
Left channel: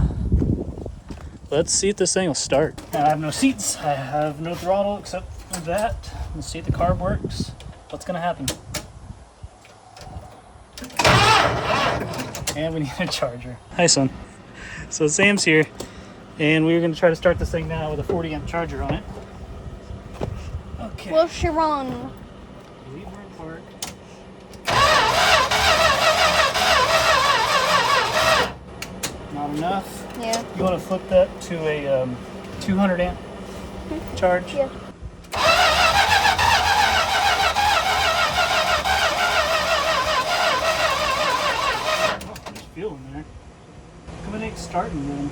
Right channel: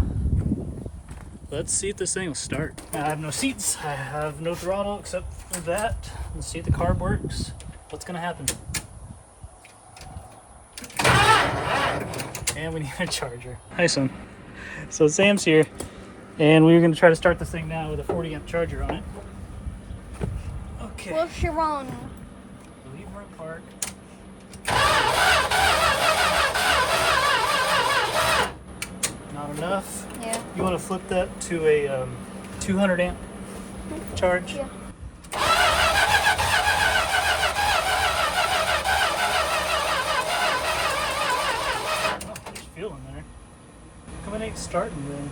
let's see if this thing will start. I have no seats. I have no throttle except for that. Let's see if the carb works. What's going to happen? And we need a charger. Hi, son. So Sam's here, and we're going to try to start this thing now with a 40 amp charger on it. Okay. Will she run? Leave her apart. Not enough? Yeah. You want to flip that to a 200 amp charge? Yeah. Fuel in there. Come in, starting then.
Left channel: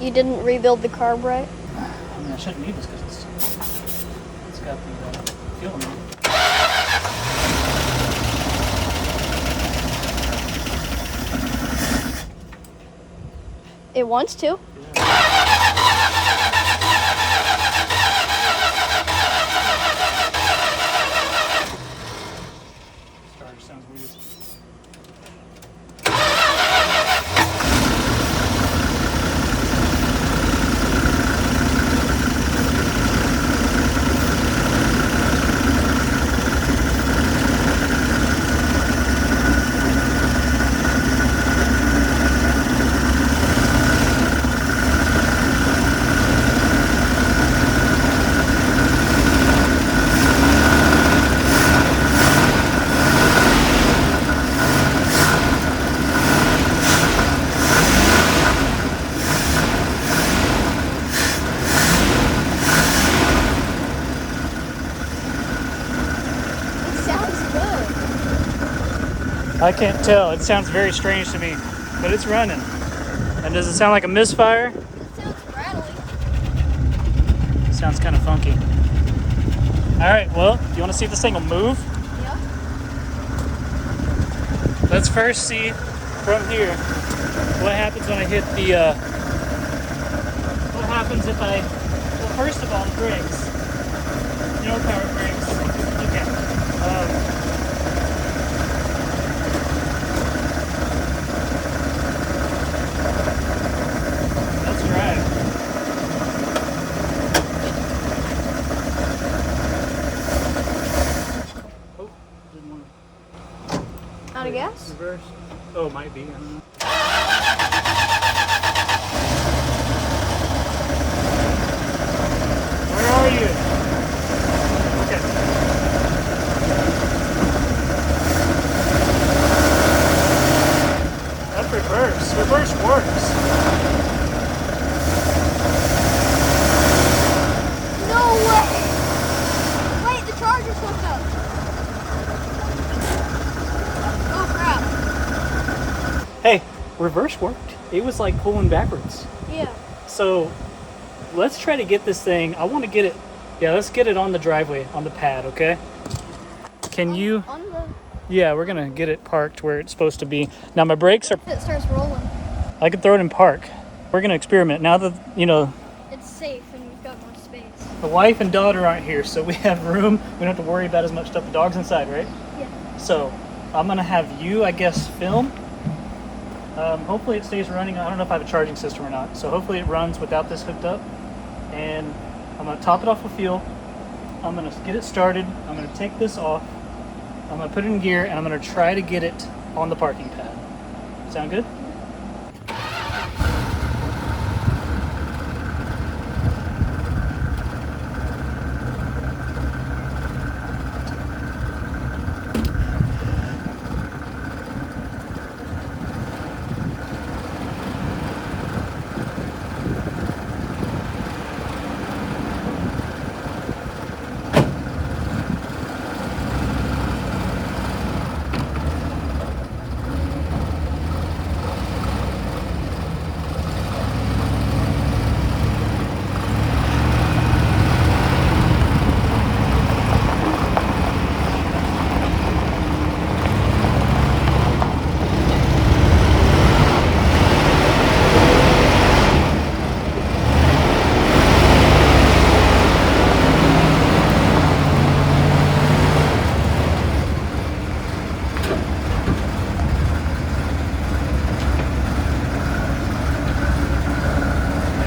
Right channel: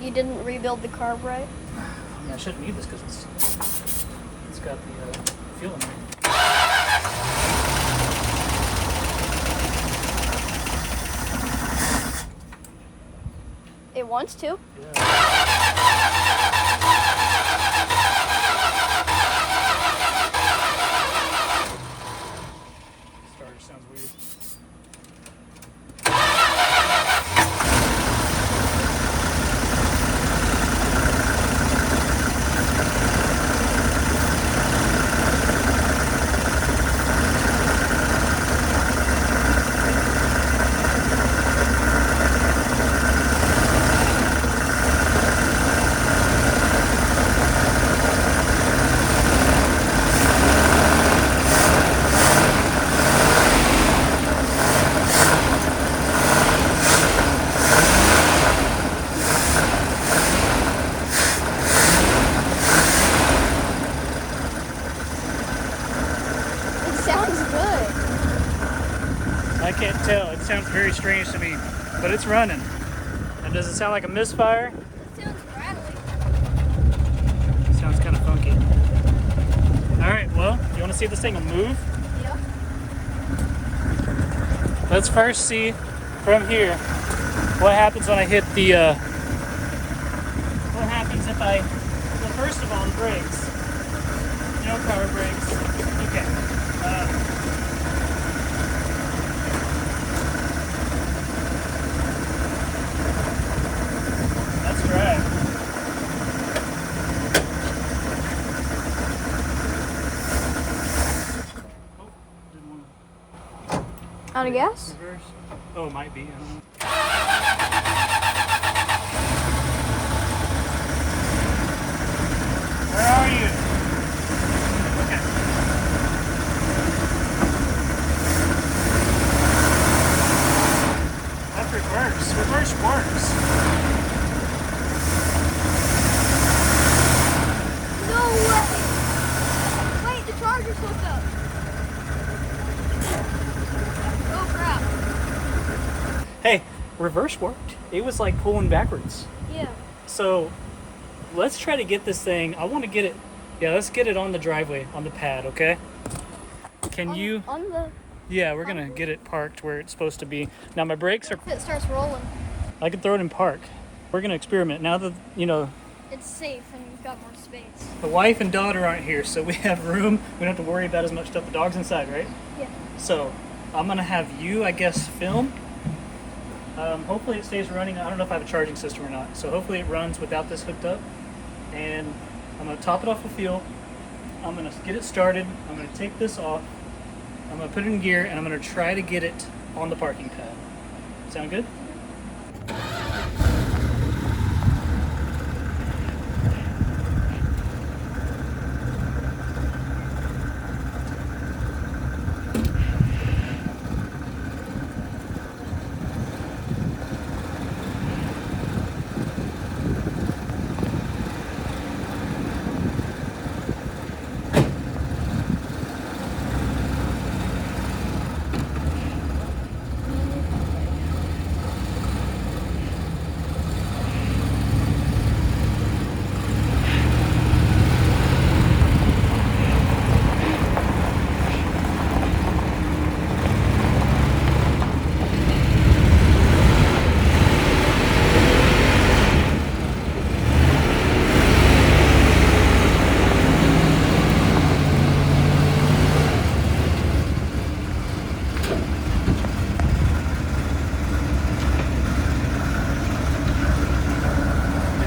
You didn't rebuild the carb right? I mean, I shouldn't need this because it's got the fuel in it. It wants to. Starter sounds weird. I can't tell. It sounds very strange to me, but it's running. And does it sound like a misfire? It sounds rattly. Sounds kind of funky. All right, well, you want to see if this thing will move? Yeah. Let's first see from here. What happens when I hit the, what happens if I, well, first of all, the brakes. No power brakes. Okay. That's right. Oh, didn't want to. Out of gas? Reverse. Oh, might be. I don't know. Where are you? Okay. That's reverse. Reverse works. No way! Wait, the charger's hooked up. Oh crap. Hey, reverse worked. It was like pulling backwards. Yeah. So let's try to get this thing. I want to get it. Yeah, let's get it on the driveway, on the pad, okay? Can you? On the, Yeah, we're going to get it parked where it's supposed to be. Now, my brakes are. if it starts rolling, I can throw it in park. We're going to experiment. Now that, you know, it's safe and we've got more space. the wife and daughter aren't here, so we have room. We don't have to worry about as much stuff. The dog's inside, right? Yeah. So I'm going to have you, I guess, film. Hopefully it stays running. I don't know if I have a charging system or not. So hopefully it runs without this hooked up. And I'm going to top it off with fuel. I'm going to get it started. I'm going to take this off. I'm going to put it in gear, and I'm going to try to get it on the parking pad. Sound good?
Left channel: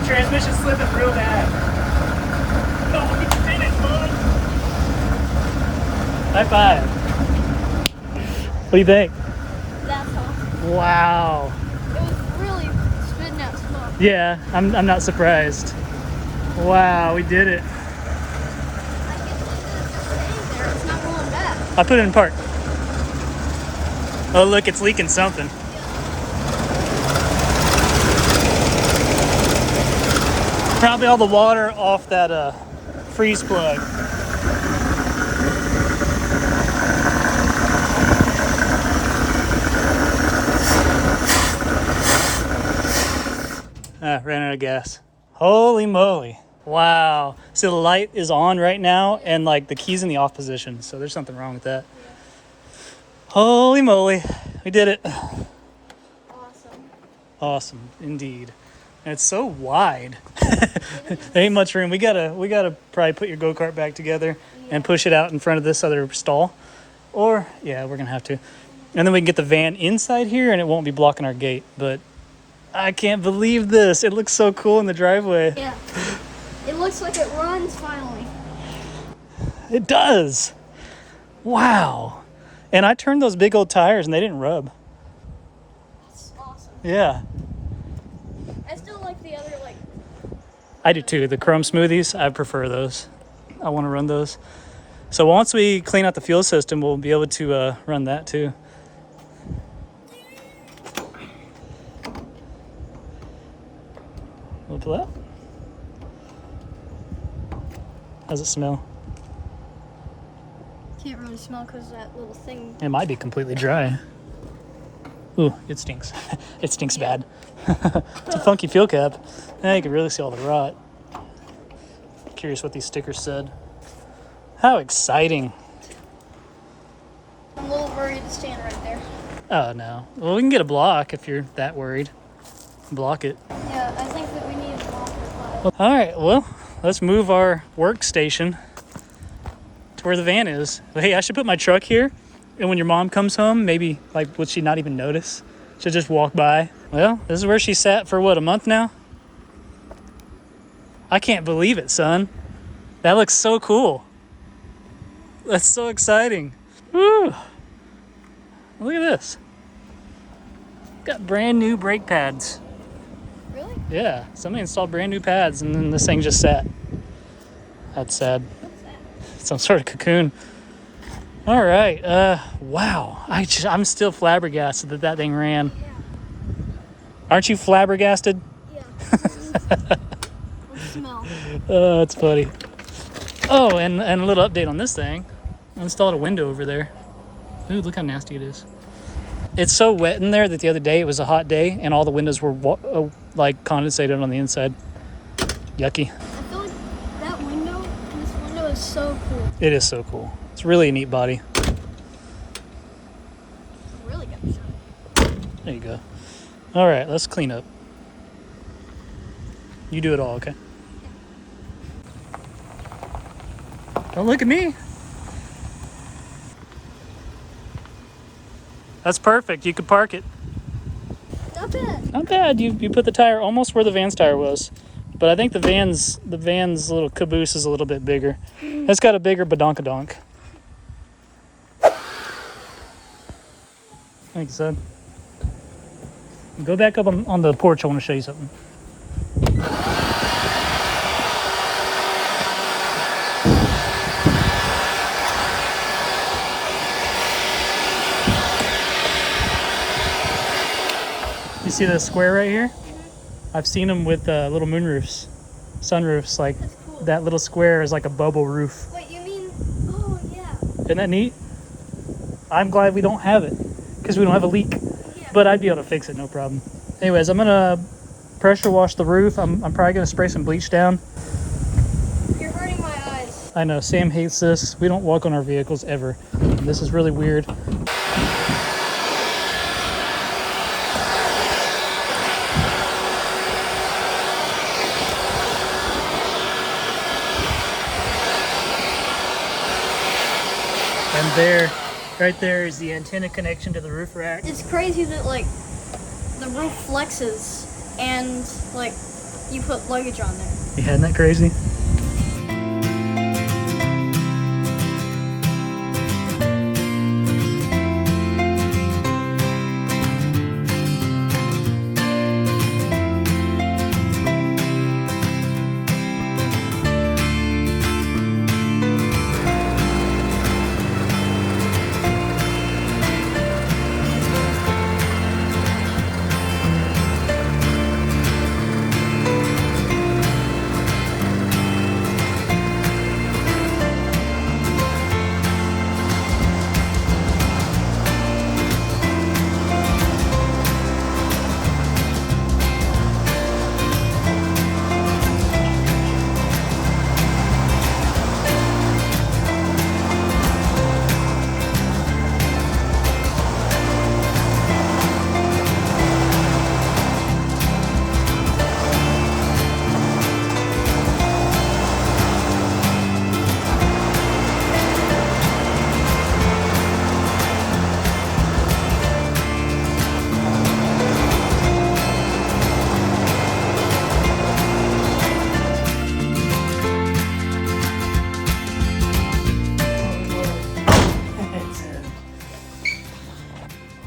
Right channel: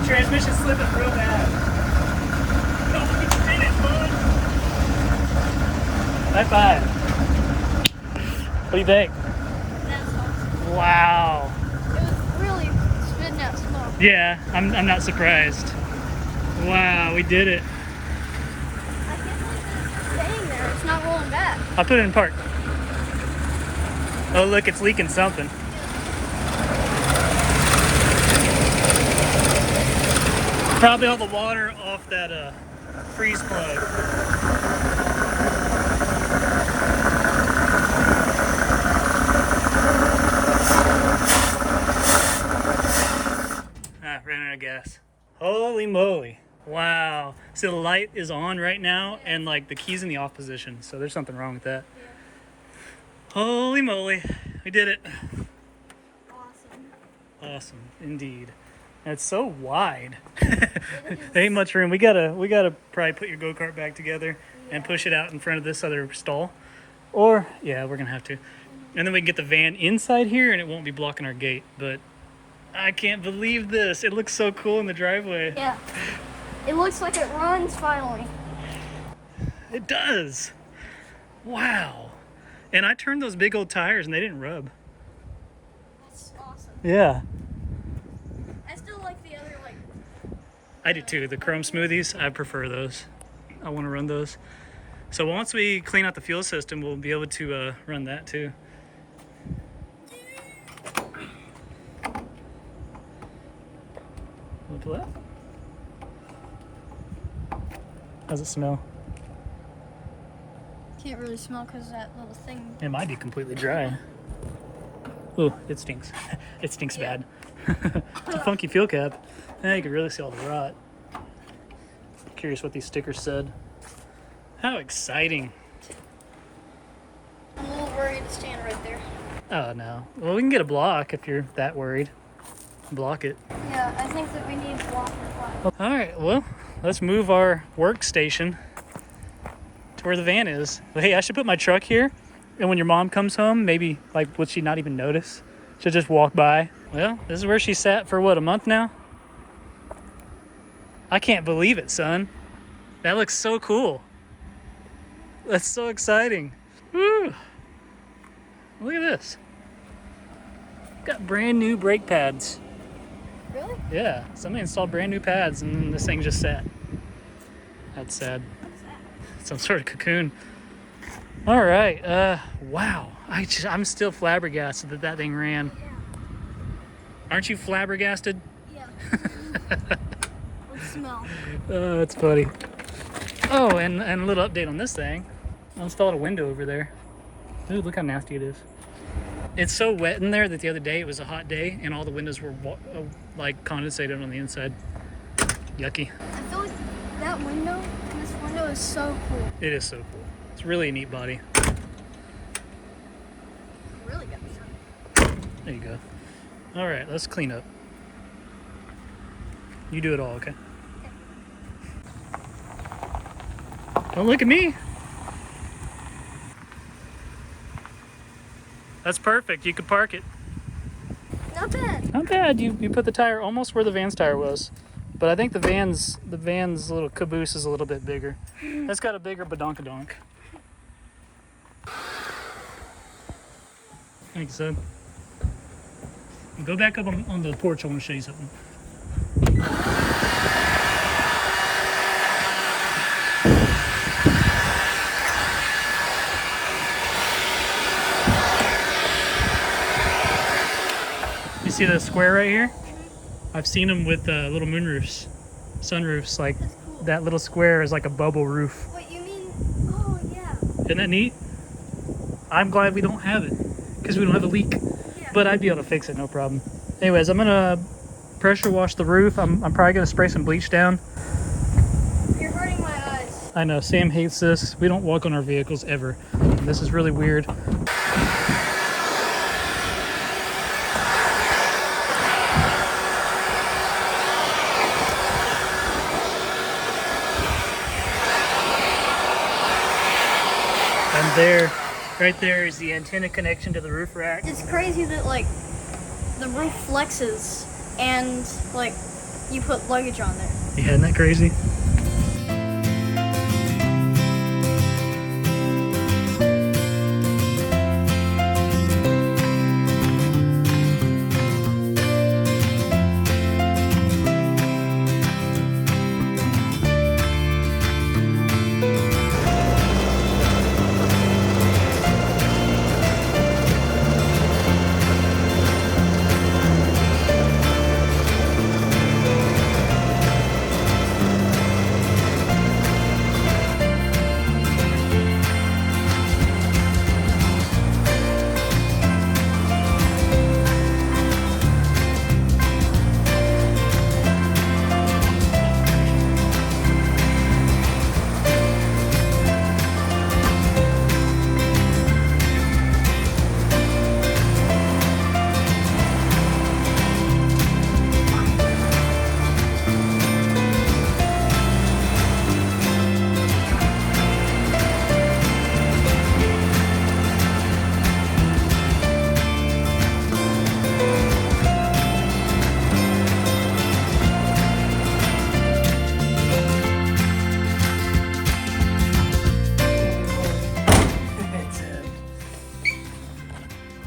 Transmission slipping real bad. Oh, we did it, bud. High five. What do you think? That's awesome. Wow. It was really spitting out smoke. Yeah, I'm not surprised. Wow, we did it. I can see this staying there. It's not rolling back. I put it in park. Oh, look, it's leaking something. Probably all the water off that freeze plug. Ran out of gas. Holy moly. Wow. So the light is on right now and like the key's in the off position. So there's something wrong with that. Holy moly. We did it. Awesome. Awesome indeed. And it's so wide. There ain't much room. We gotta probably put your go-kart back together and push it out in front of this other stall. Or yeah, we're gonna have to. And then we can get the van inside here and it won't be blocking our gate. But I can't believe this. It looks so cool in the driveway. Yeah. It looks like it runs finally. It does. Wow. And I turned those big old tires and they didn't rub. That's awesome. Yeah. I still like the other, like, I do too. The chrome smoothies, I prefer those. I want to run those. So once we clean out the fuel system, we'll be able to run that too. Look at that. How's it smell? can't really smell because of that little thing. It might be completely dry. Ooh, it stinks. It stinks bad. It's a funky fuel cap. Now you can really see all the rot. Curious what these stickers said. How exciting. A little oriented stand right there. Oh, no. Well, we can get a block if you're that worried. Block it. Yeah, I think that we need to block the pipe. All right, well, let's move our workstation to where the van is. Hey, I should put my truck here, and when your mom comes home, maybe, like, would she not even notice? She'll just walk by. Well, this is where she sat for, what, a month now? I can't believe it, son. That looks so cool. That's so exciting. Woo! Look at this. Got brand new brake pads. Really? Yeah, somebody installed brand new pads and then this thing just sat. That's sad. What's that? Some sort of cocoon. All right. Wow. I'm still flabbergasted that that thing ran. Aren't you flabbergasted? Yeah. Let's smell. That's funny. Oh, and a little update on this thing. I installed a window over there. Ooh, look how nasty it is. It's so wet in there that the other day it was a hot day and all the windows were like condensated on the inside. Yucky. I feel like that window, this window is so cool. It is so cool. It's really a neat body. Really good. There you go. All right, let's clean up. You do it all, okay? Don't look at me. That's perfect. You could park it. Not bad. Not bad. You put the tire almost where the van's tire was. But I think the van's little caboose is a little bit bigger. It's got a bigger badonkadonk. Thanks, son. Go back up on the porch. I want to show you something. You see the square right here? I've seen them with little moonroofs, sunroofs. Like Cool. that little square is like a bubble roof. Wait, you mean? Oh yeah. Isn't that neat? I'm glad we don't have it because we don't have a leak. Yeah. But I'd be able to fix it, no problem. Anyways, I'm gonna pressure wash the roof. I'm probably gonna spray some bleach down. You're hurting my eyes. I know Sam hates this. We don't walk on our vehicles ever. This is really weird. And there, right there is the antenna connection to the roof rack. It's crazy that like the roof flexes and like you put luggage on there. Yeah, isn't that crazy?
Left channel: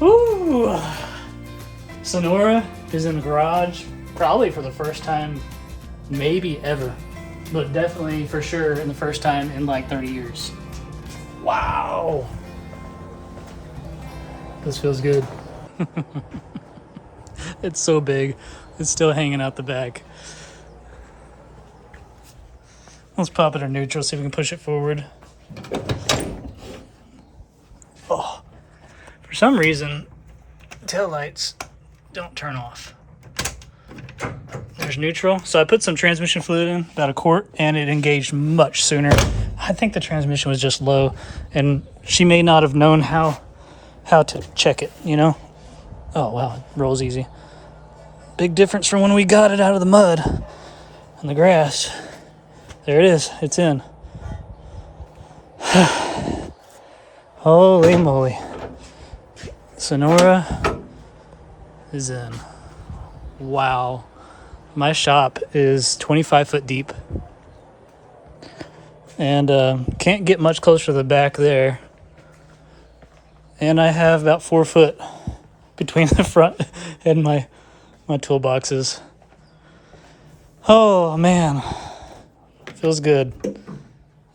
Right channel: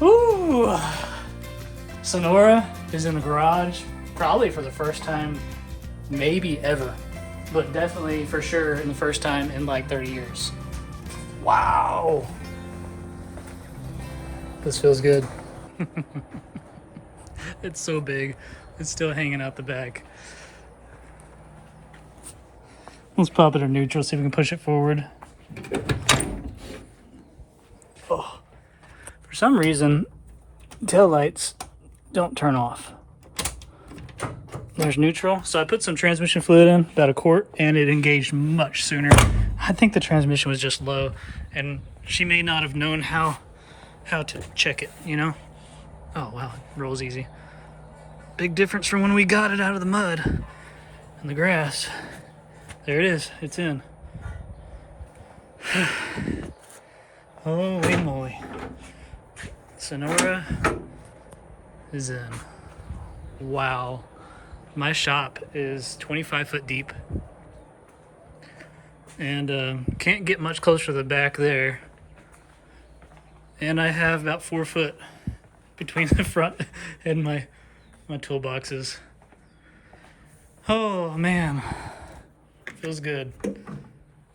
Ooh. Sonora is in the garage, probably for the first time, maybe ever, but definitely for sure in the first time in like 30 years. Wow. This feels good. It's so big. It's still hanging out the back. Let's pop it in neutral, see if we can push it forward. Oh. For some reason, tail lights don't turn off. There's neutral. So I put some transmission fluid in, about a quart, and it engaged much sooner. I think the transmission was just low, and she may not have known how how to check it, you know? Oh, wow, it rolls easy. Big difference from when we got it out of the mud and the grass. There it is, it's in. Holy moly. Sonora is in. Wow. My shop is 25 foot deep. And can't get much closer to the back there. And I have about 4 foot between the front and my toolboxes. Oh man, feels good.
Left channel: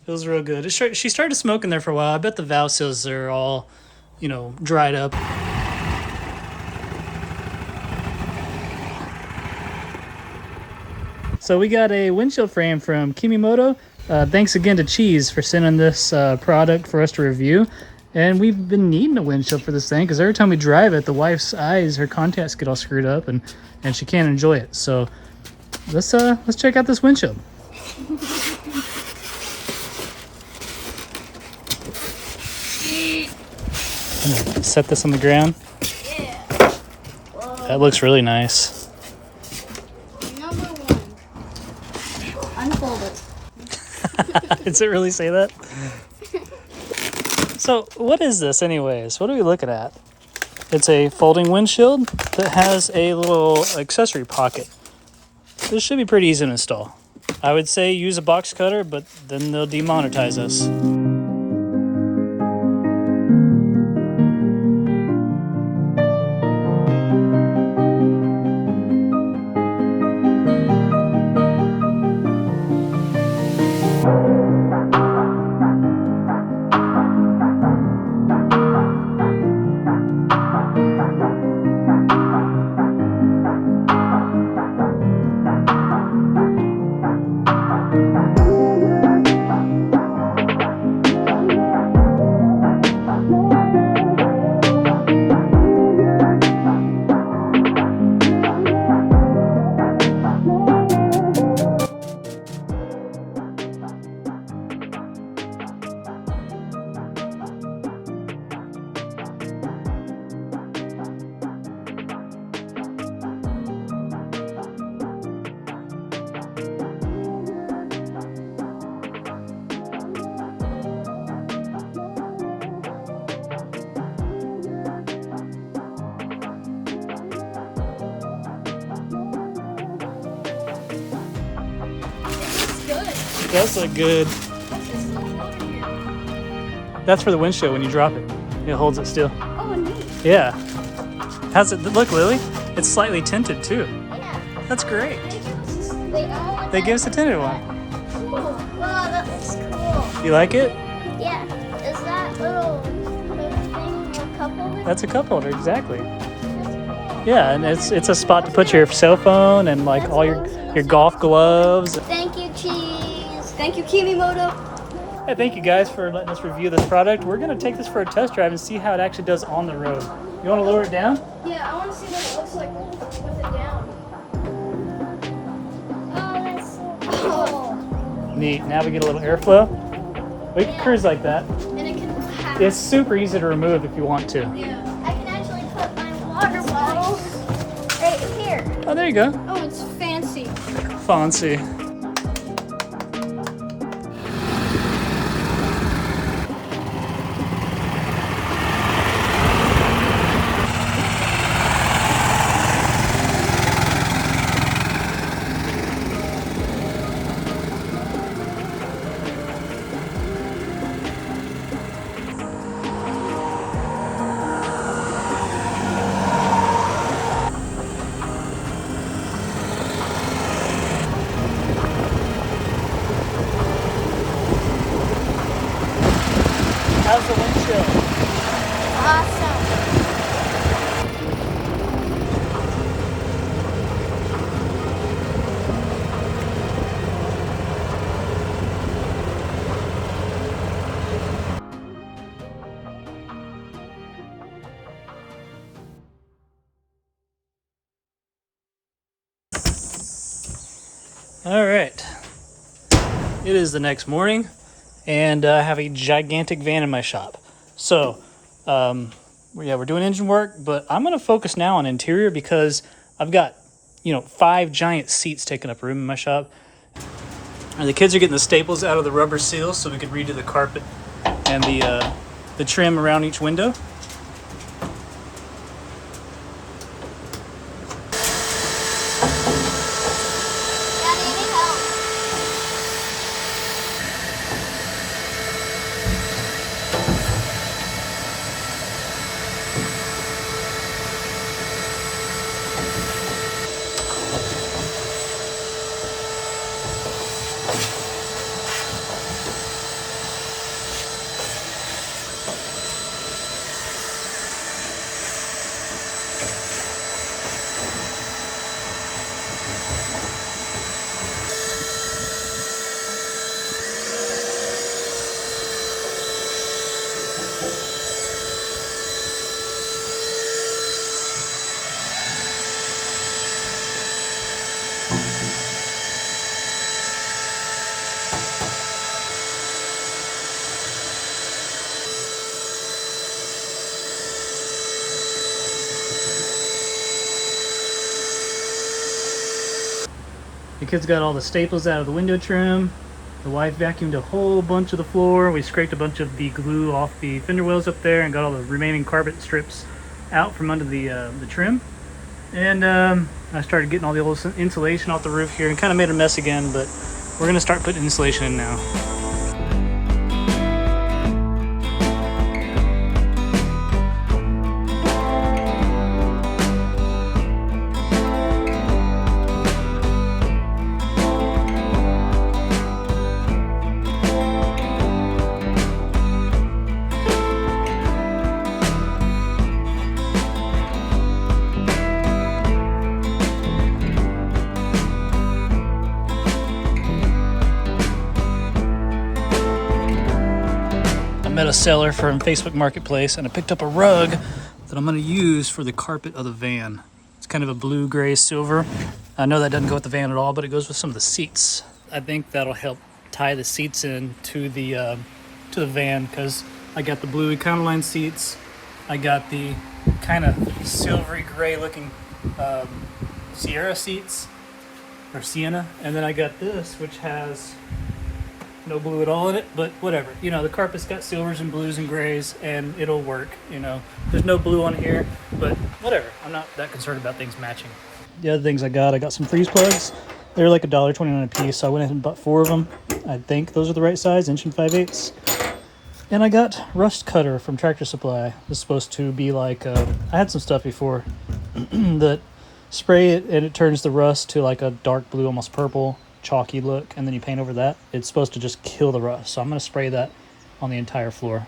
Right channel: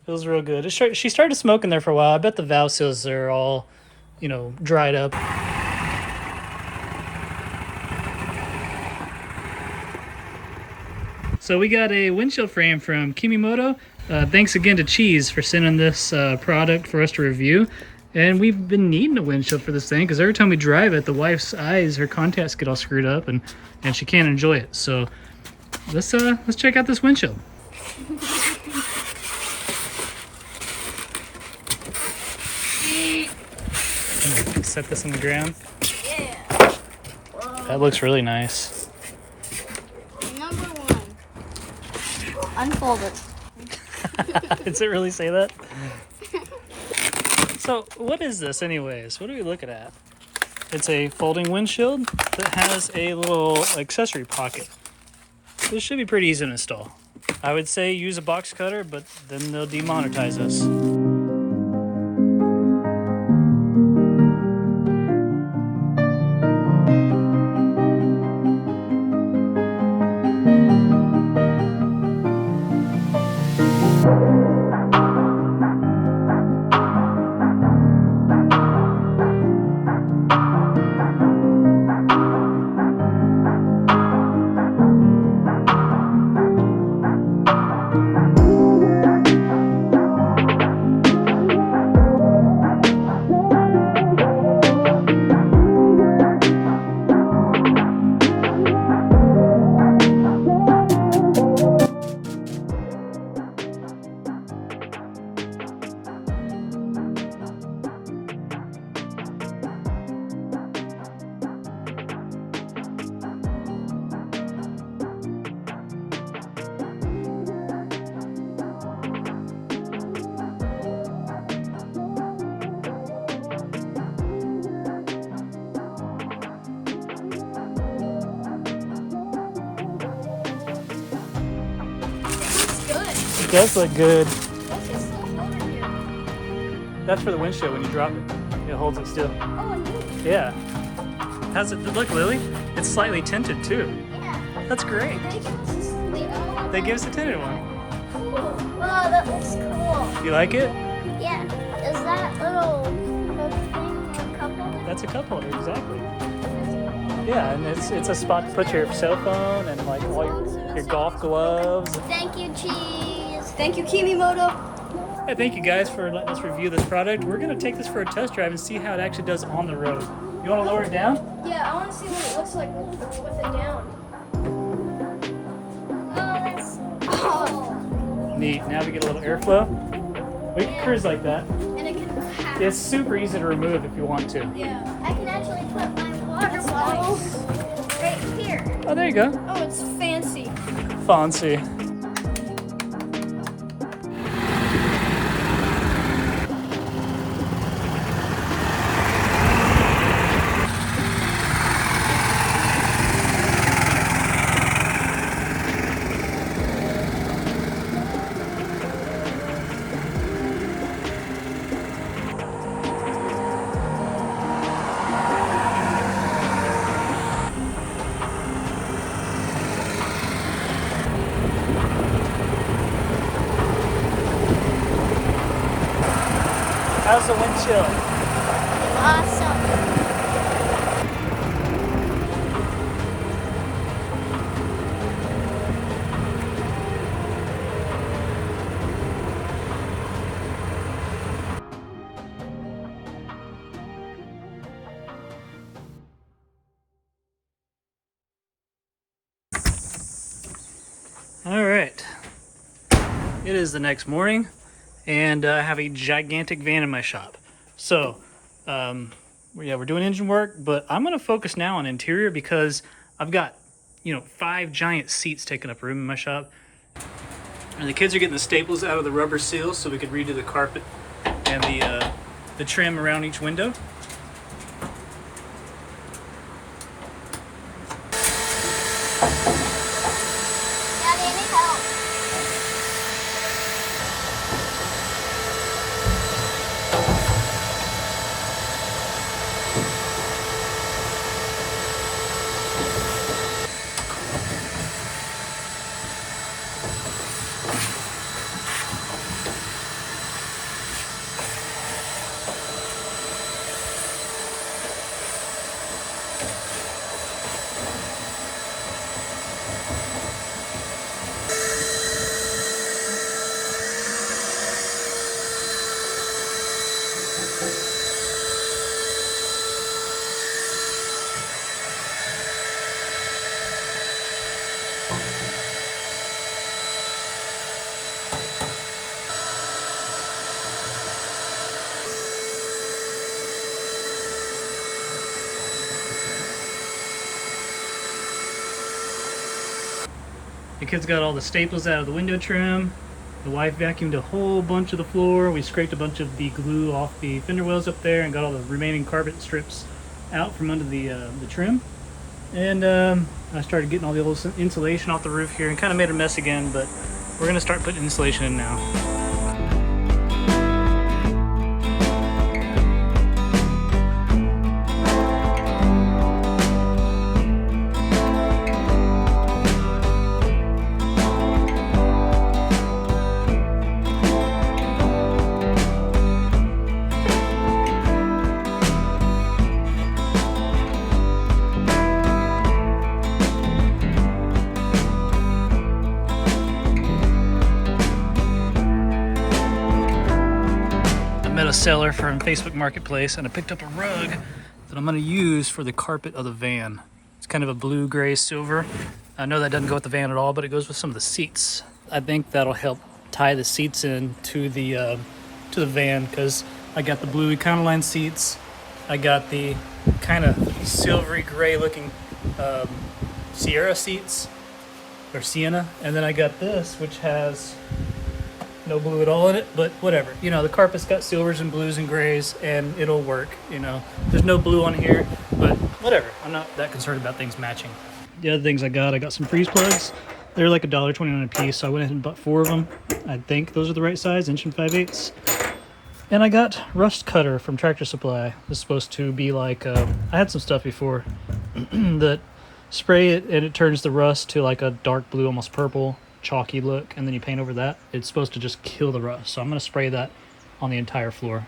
Feels real good. She started smoking there for a while. I bet the valve seals are all, you know, dried up. So we got a windshield frame from Kimimoto. Thanks again to Cheese for sending this product for us to review. And we've been needing a windshield for this thing because every time we drive it, the wife's eyes, her contacts get all screwed up and she can't enjoy it. So let's check out this windshield. I'm gonna set this on the ground. Yeah. Whoa. That looks really nice. Number one. Unfold it. Does it really say that? So what is this anyways? What are we looking at? It's a folding windshield that has a little accessory pocket. This should be pretty easy to install. I would say use a box cutter, but then they'll demonetize us. It does look good. What's this little over here? That's for the windshield when you drop it. It holds it still. Oh, neat. Yeah. How's it look, Lily? It's slightly tinted too. Yeah. That's great. Wait, They give us a tinted one. wow, that's cool. You like it? Yeah. Is that little thing a cup holder? That's a cup holder, exactly. Yeah, and it's a spot to put your cell phone and like all your golf gloves. Thank you, Cheese. Thank you, Kimimoto. Hey, thank you guys for letting us review this product. We're gonna take this for a test drive and see how it actually does on the road. You wanna lower it down? Yeah, I want to see what it looks like with it down. Oh, that's so cool. Neat. Now we get a little airflow. We can cruise like that. And it can have. It's super easy to remove if you want to. Yeah. I can actually put my water bottle right here. Oh, there you go. Oh, it's fancy. Fancy. How's the windshield? Awesome. All right. It is the next morning, and I have a gigantic van in my shop. So, yeah, we're doing engine work, but I'm going to focus now on interior because I've got, 5 giant seats taking up room in my shop. And the kids are getting the staples out of the rubber seals so we could redo the carpet and the trim around each window. The kids got all the staples out of the window trim. The wife vacuumed a whole bunch of the floor. We scraped a bunch of the glue off the fender wells up there and got all the remaining carpet strips out from under the trim. And I started getting all the old insulation off the roof here and kind of made a mess again, but we're gonna start putting insulation in now. Met a seller from Facebook Marketplace and I picked up a rug that I'm going to use for the carpet of the van. It's kind of a blue, gray, silver. I know that doesn't go with the van at all, but it goes with some of the seats. I think that'll help tie the seats in to the van because I got the blue Econoline seats. I got the kind of silvery gray looking Sierra seats or Sienna, and then I got this which has no blue at all in it, but whatever. The carpet's got silvers and blues and grays and it'll work. There's no blue on here, but whatever. I'm not that concerned about things matching. The other things I got some freeze plugs. They're like $1.29 a piece, so I went ahead and bought 4 of them. I think those are the right size, 1 5/8. And I got rust cutter from Tractor Supply. This is supposed to be like, I had some stuff before that spray it and it turns the rust to like a dark blue, almost purple, chalky look, and then you paint over that. It's supposed to just kill the rust, so I'm going to spray that on the entire floor.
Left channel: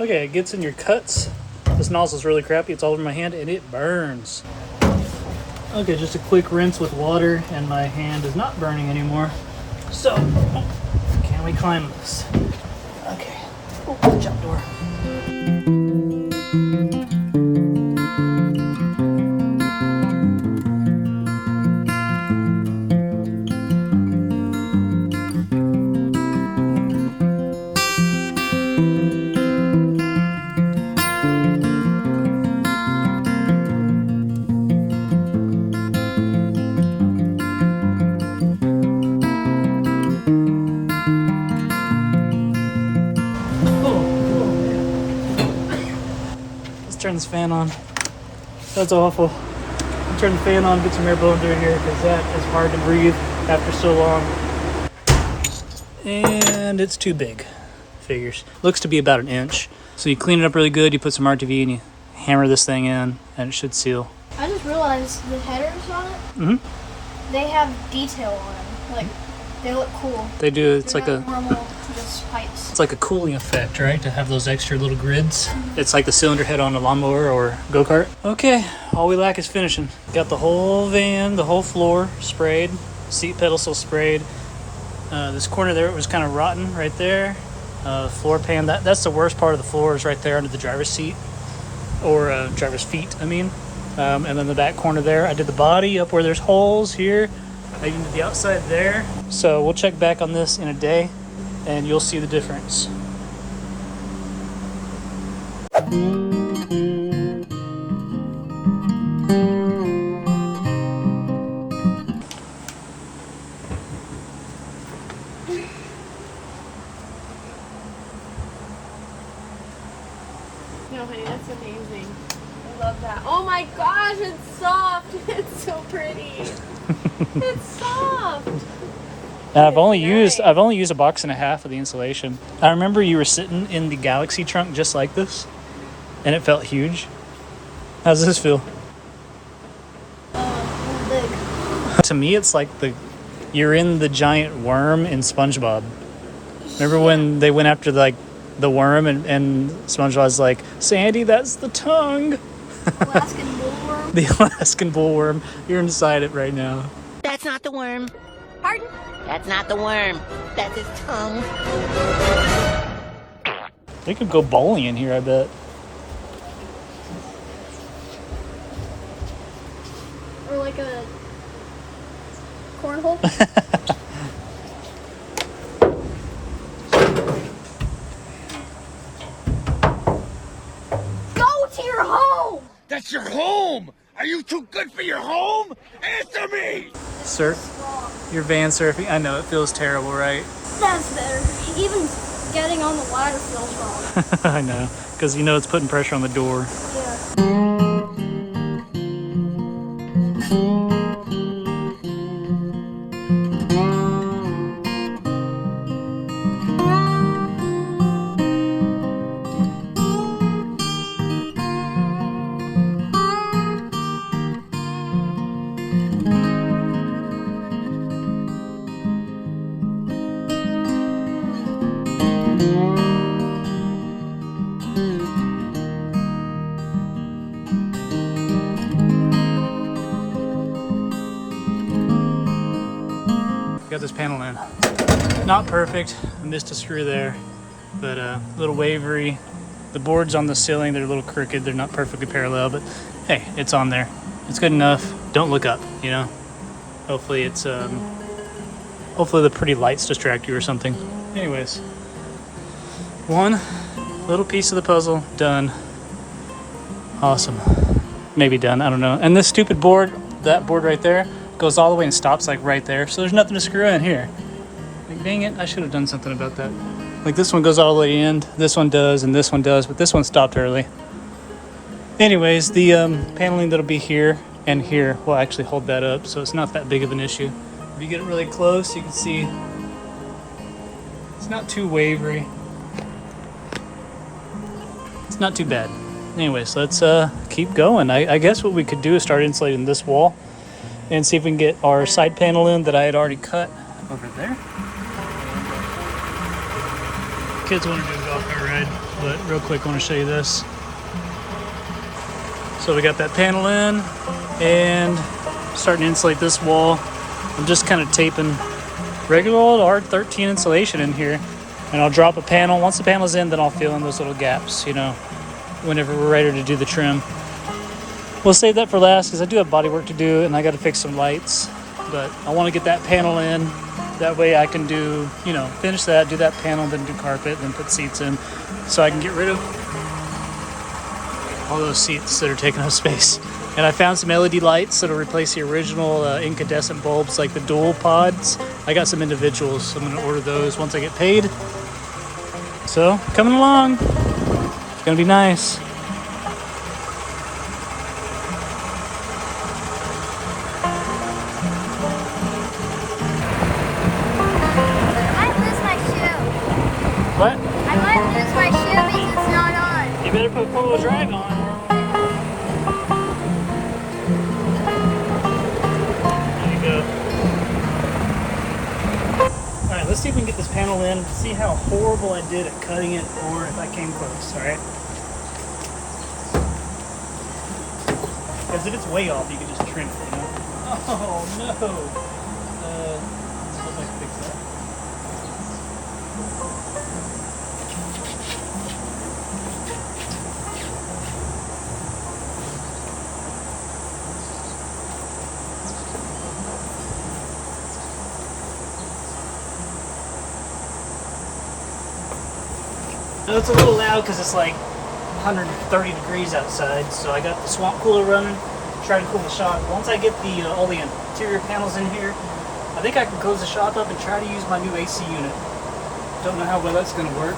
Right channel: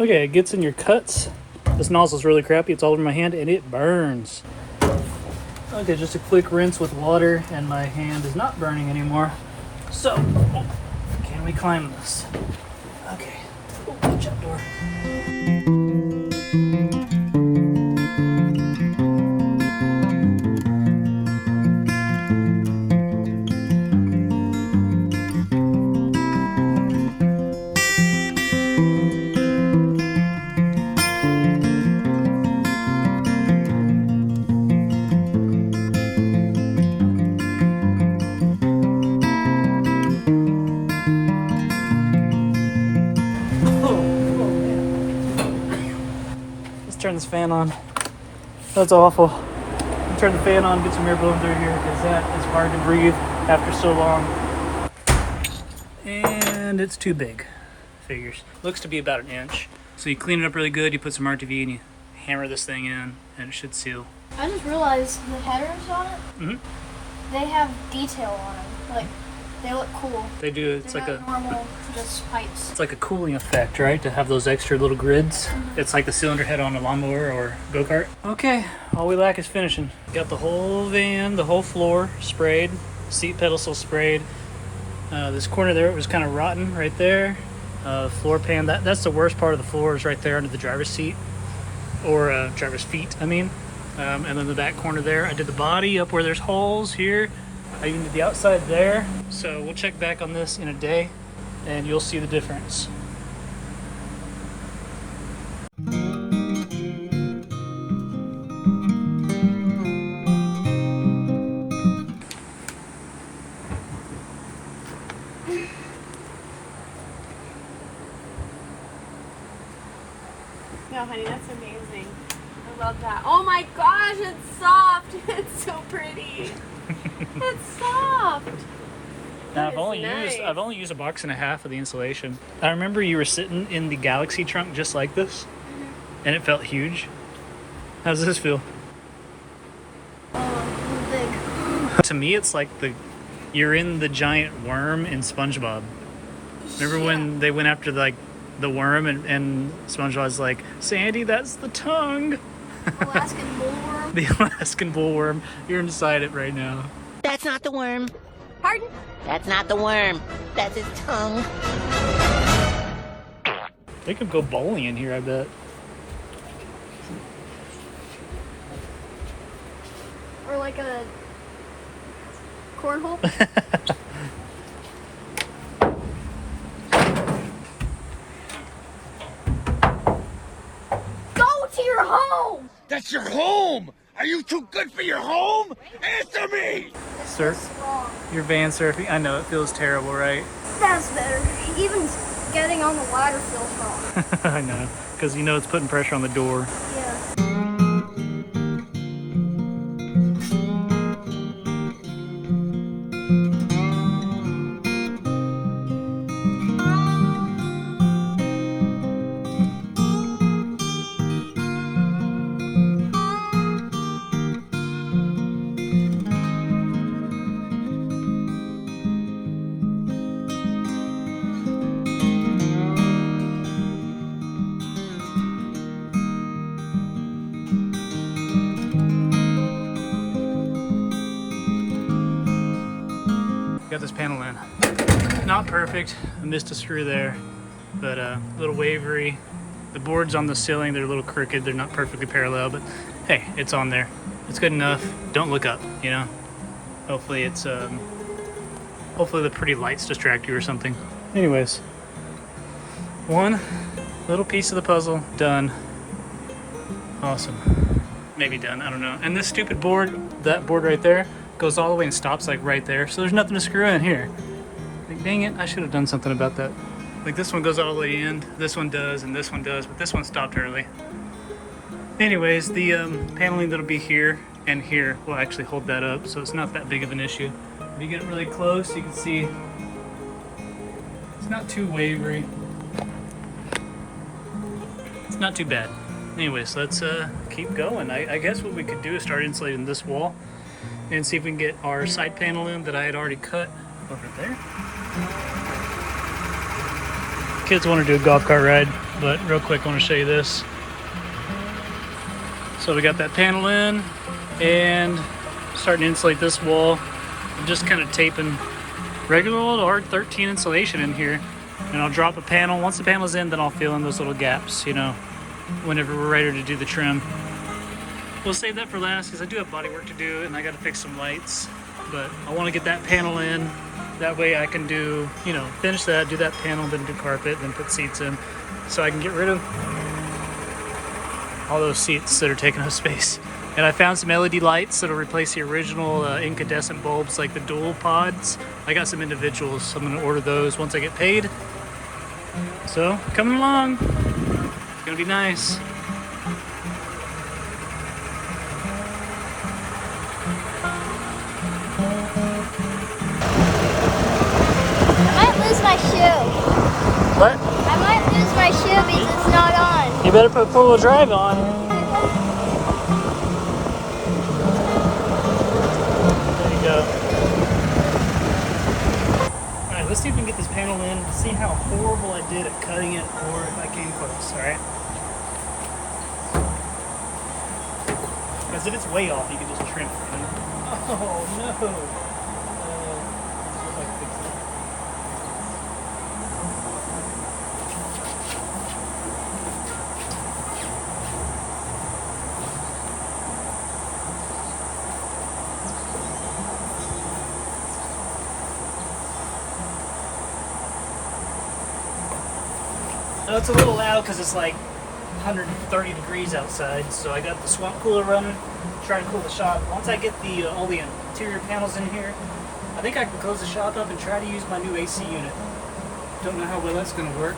Okay, it gets in your cuts. This nozzle's really crappy. It's all over my hand and it burns. Okay, just a quick rinse with water and my hand is not burning anymore. So, can we climb this? Okay. Oh, the jump door. Oh man. Let's turn this fan on. That's awful. Turn the fan on, get some air blowing through here because that is hard to breathe after so long. And it's too big. Figures. Looks to be about 1 inch. So you clean it up really good, you put some RTV and you hammer this thing in and it should seal. I just realized the headers on it, they have detail on them. Like, they look cool. They do. It's They're like not normal, just pipes. it's like a cooling effect, right? To have those extra little grids. It's like the cylinder head on a lawnmower or go-kart. Okay, all we lack is finishing. Got the whole van, the whole floor sprayed, seat pedestal sprayed. This corner there, it was kind of rotten right there. Floor pan, that's the worst part of the floor is right there under the driver's seat. Or driver's feet, I mean. And then the back corner there, I did the body up where there's holes here. I even did the outside there. So we'll check back on this in a day and you'll see the difference. No, honey, that's amazing. I love that. Oh my gosh, it's soft. It's so pretty. It's soft. And I've only used a box and a half of the insulation. I remember you were sitting in the Galaxy trunk just like this, and it felt huge. How's this feel? Big. To me, it's like you're in the giant worm in SpongeBob. Remember when they went after the worm and SpongeBob's like, Sandy, that's the tongue. Alaskan bullworm. The Alaskan bullworm. You're inside it right now. That's not the worm. Pardon? That's not the worm. That's his tongue. They could go bowling in here, I bet. Or like a cornhole. Go to your home! That's your home! Are you too good for your home? Answer me! Surf. Wrong. You're van surfing. I know, it feels terrible, right? That's better. Even getting on the ladder feels wrong. I know, because you know it's putting pressure on the door. Yeah. Got this panel in. Not perfect. I missed a screw there, but a little wavery. The boards on the ceiling, they're a little crooked. They're not perfectly parallel, but hey, it's on there. It's good enough. Don't look up, you know? Hopefully it's, hopefully the pretty lights distract you or something. Anyways, one little piece of the puzzle done. Awesome. Maybe done, I don't know. And this stupid board, that board right there, goes all the way and stops like right there. So there's nothing to screw in here. Like, dang it, I should have done something about that. Like this one goes all the way in, this one does, and this one does, but this one stopped early. Anyways, the paneling that'll be here and here will actually hold that up, so it's not that big of an issue. If you get really close, you can see it's not too wavery. It's not too bad. Anyways, let's keep going. I guess what we could do is start insulating this wall and see if we can get our side panel in that I had already cut over there. Kids want to do a golf cart ride, but real quick I want to show you this. So we got that panel in and starting to insulate this wall. I'm just kind of taping regular old R13 insulation in here, and I'll drop a panel. Once the panel's in, then I'll fill in those little gaps, you know, whenever we're ready to do the trim. We'll save that for last because I do have body work to do and I got to fix some lights, but I want to get that panel in. That way I can do, you know, finish that, do that panel, then do carpet, then put seats in, so I can get rid of all those seats that are taking up space. And I found some LED lights that'll replace the original incandescent bulbs, like the dual pods. I got some individuals, so I'm gonna order those once I get paid. So, coming along. It's gonna be nice. What? I might lose my shoe because it's not on. You better put four-wheel drive on. There you go. Alright, let's see if we can get this panel in, see how horrible I did at cutting it, or if I came close, alright? Because if it's way off, you can just trim it, you know? Oh, no! Hope I can fix that. Now it's a little loud because it's like 130 degrees outside, so I got the swamp cooler running, trying to cool the shop. Once I get the all the interior panels in here, I think I can close the shop up and try to use my new AC unit. Don't know how well that's going to work.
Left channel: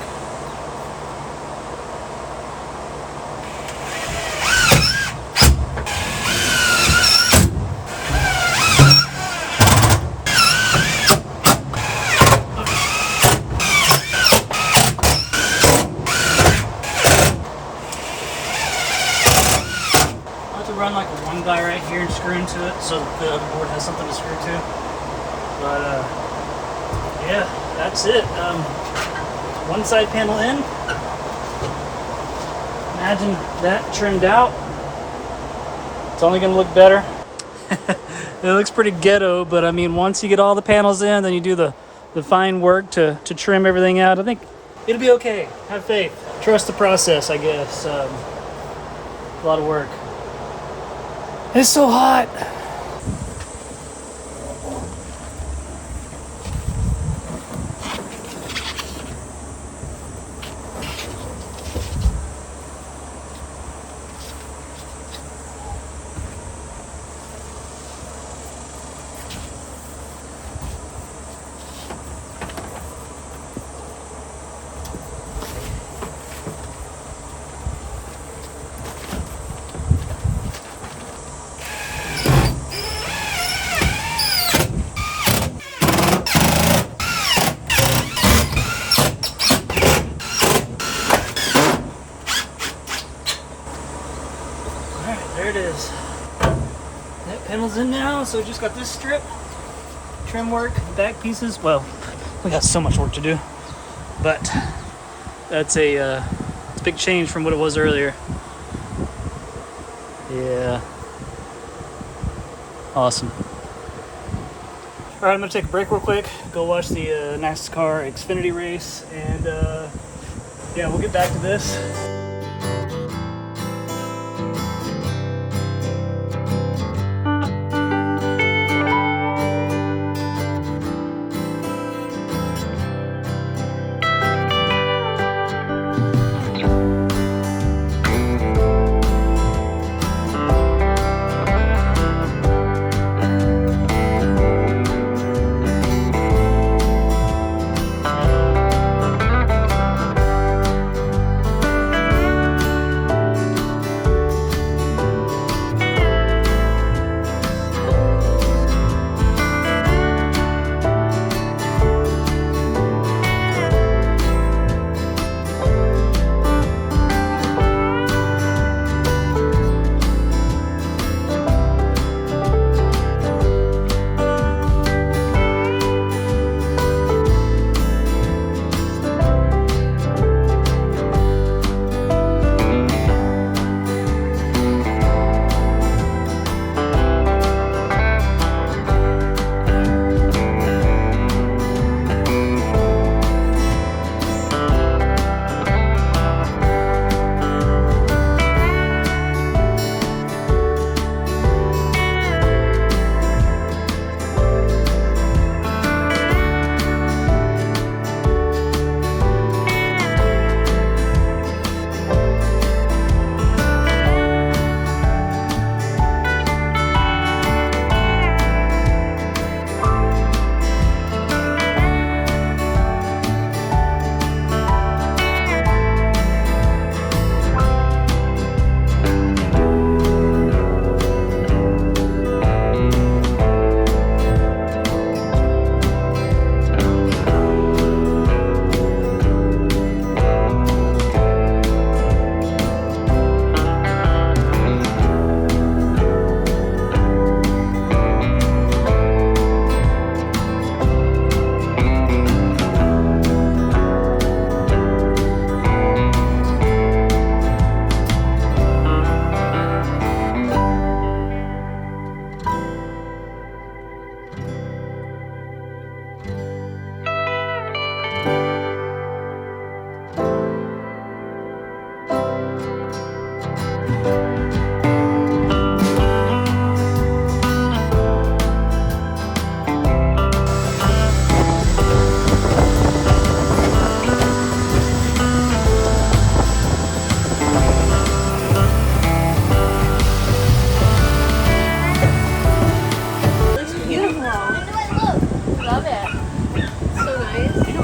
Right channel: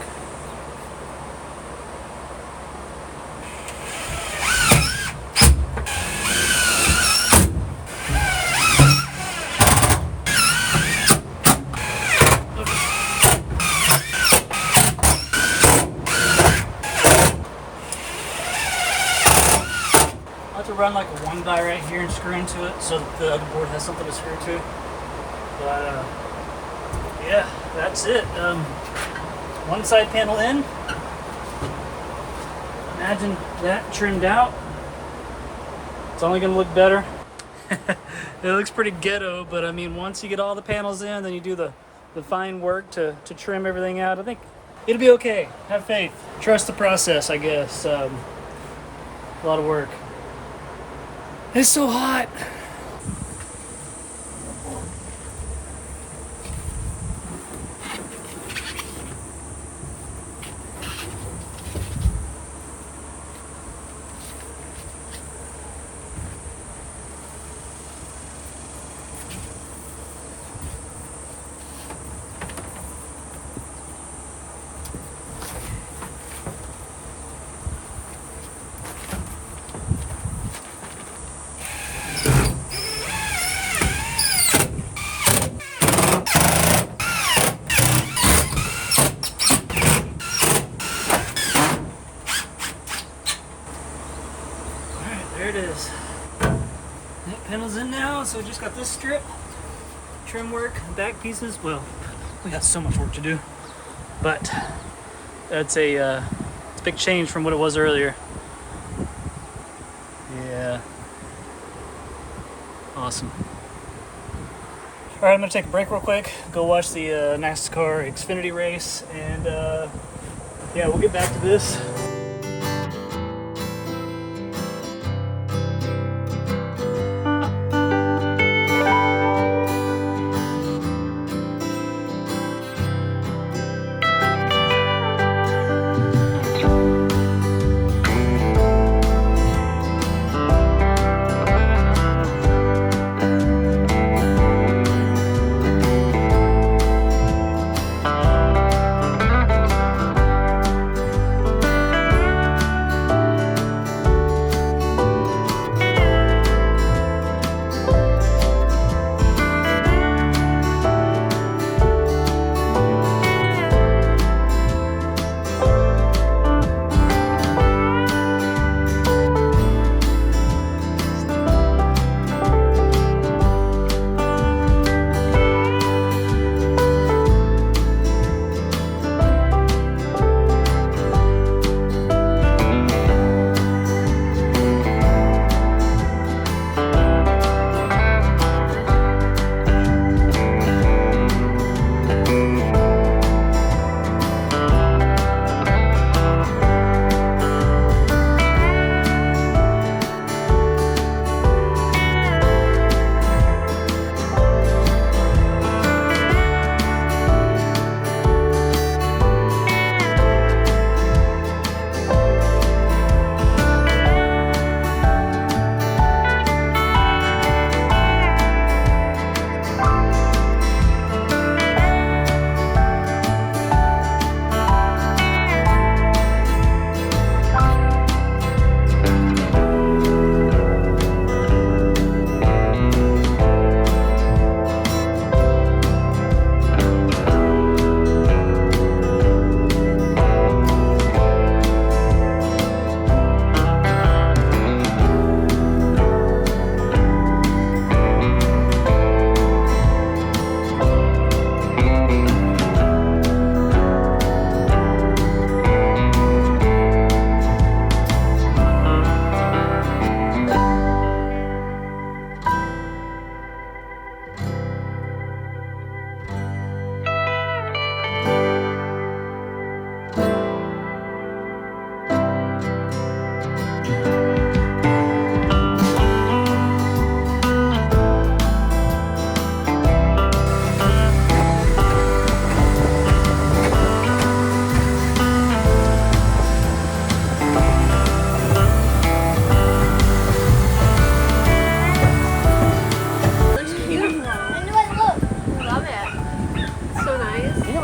I'll have to run like a one guy right here and screw into it so that the other board has something to screw to. But yeah, that's it. One side panel in. Imagine that trimmed out. It's only gonna look better. It looks pretty ghetto, but I mean, once you get all the panels in, then you do the fine work to trim everything out. I think it'll be okay. Have faith. Trust the process, I guess. A lot of work. It's so hot. There it is. That panel's in now, so we just got this strip, trim work, back pieces. Well, we got so much work to do, but that's it's a big change from what it was earlier. Yeah, awesome. All right, I'm gonna take a break real quick, go watch the NASCAR Xfinity race, and yeah, we'll get back to this.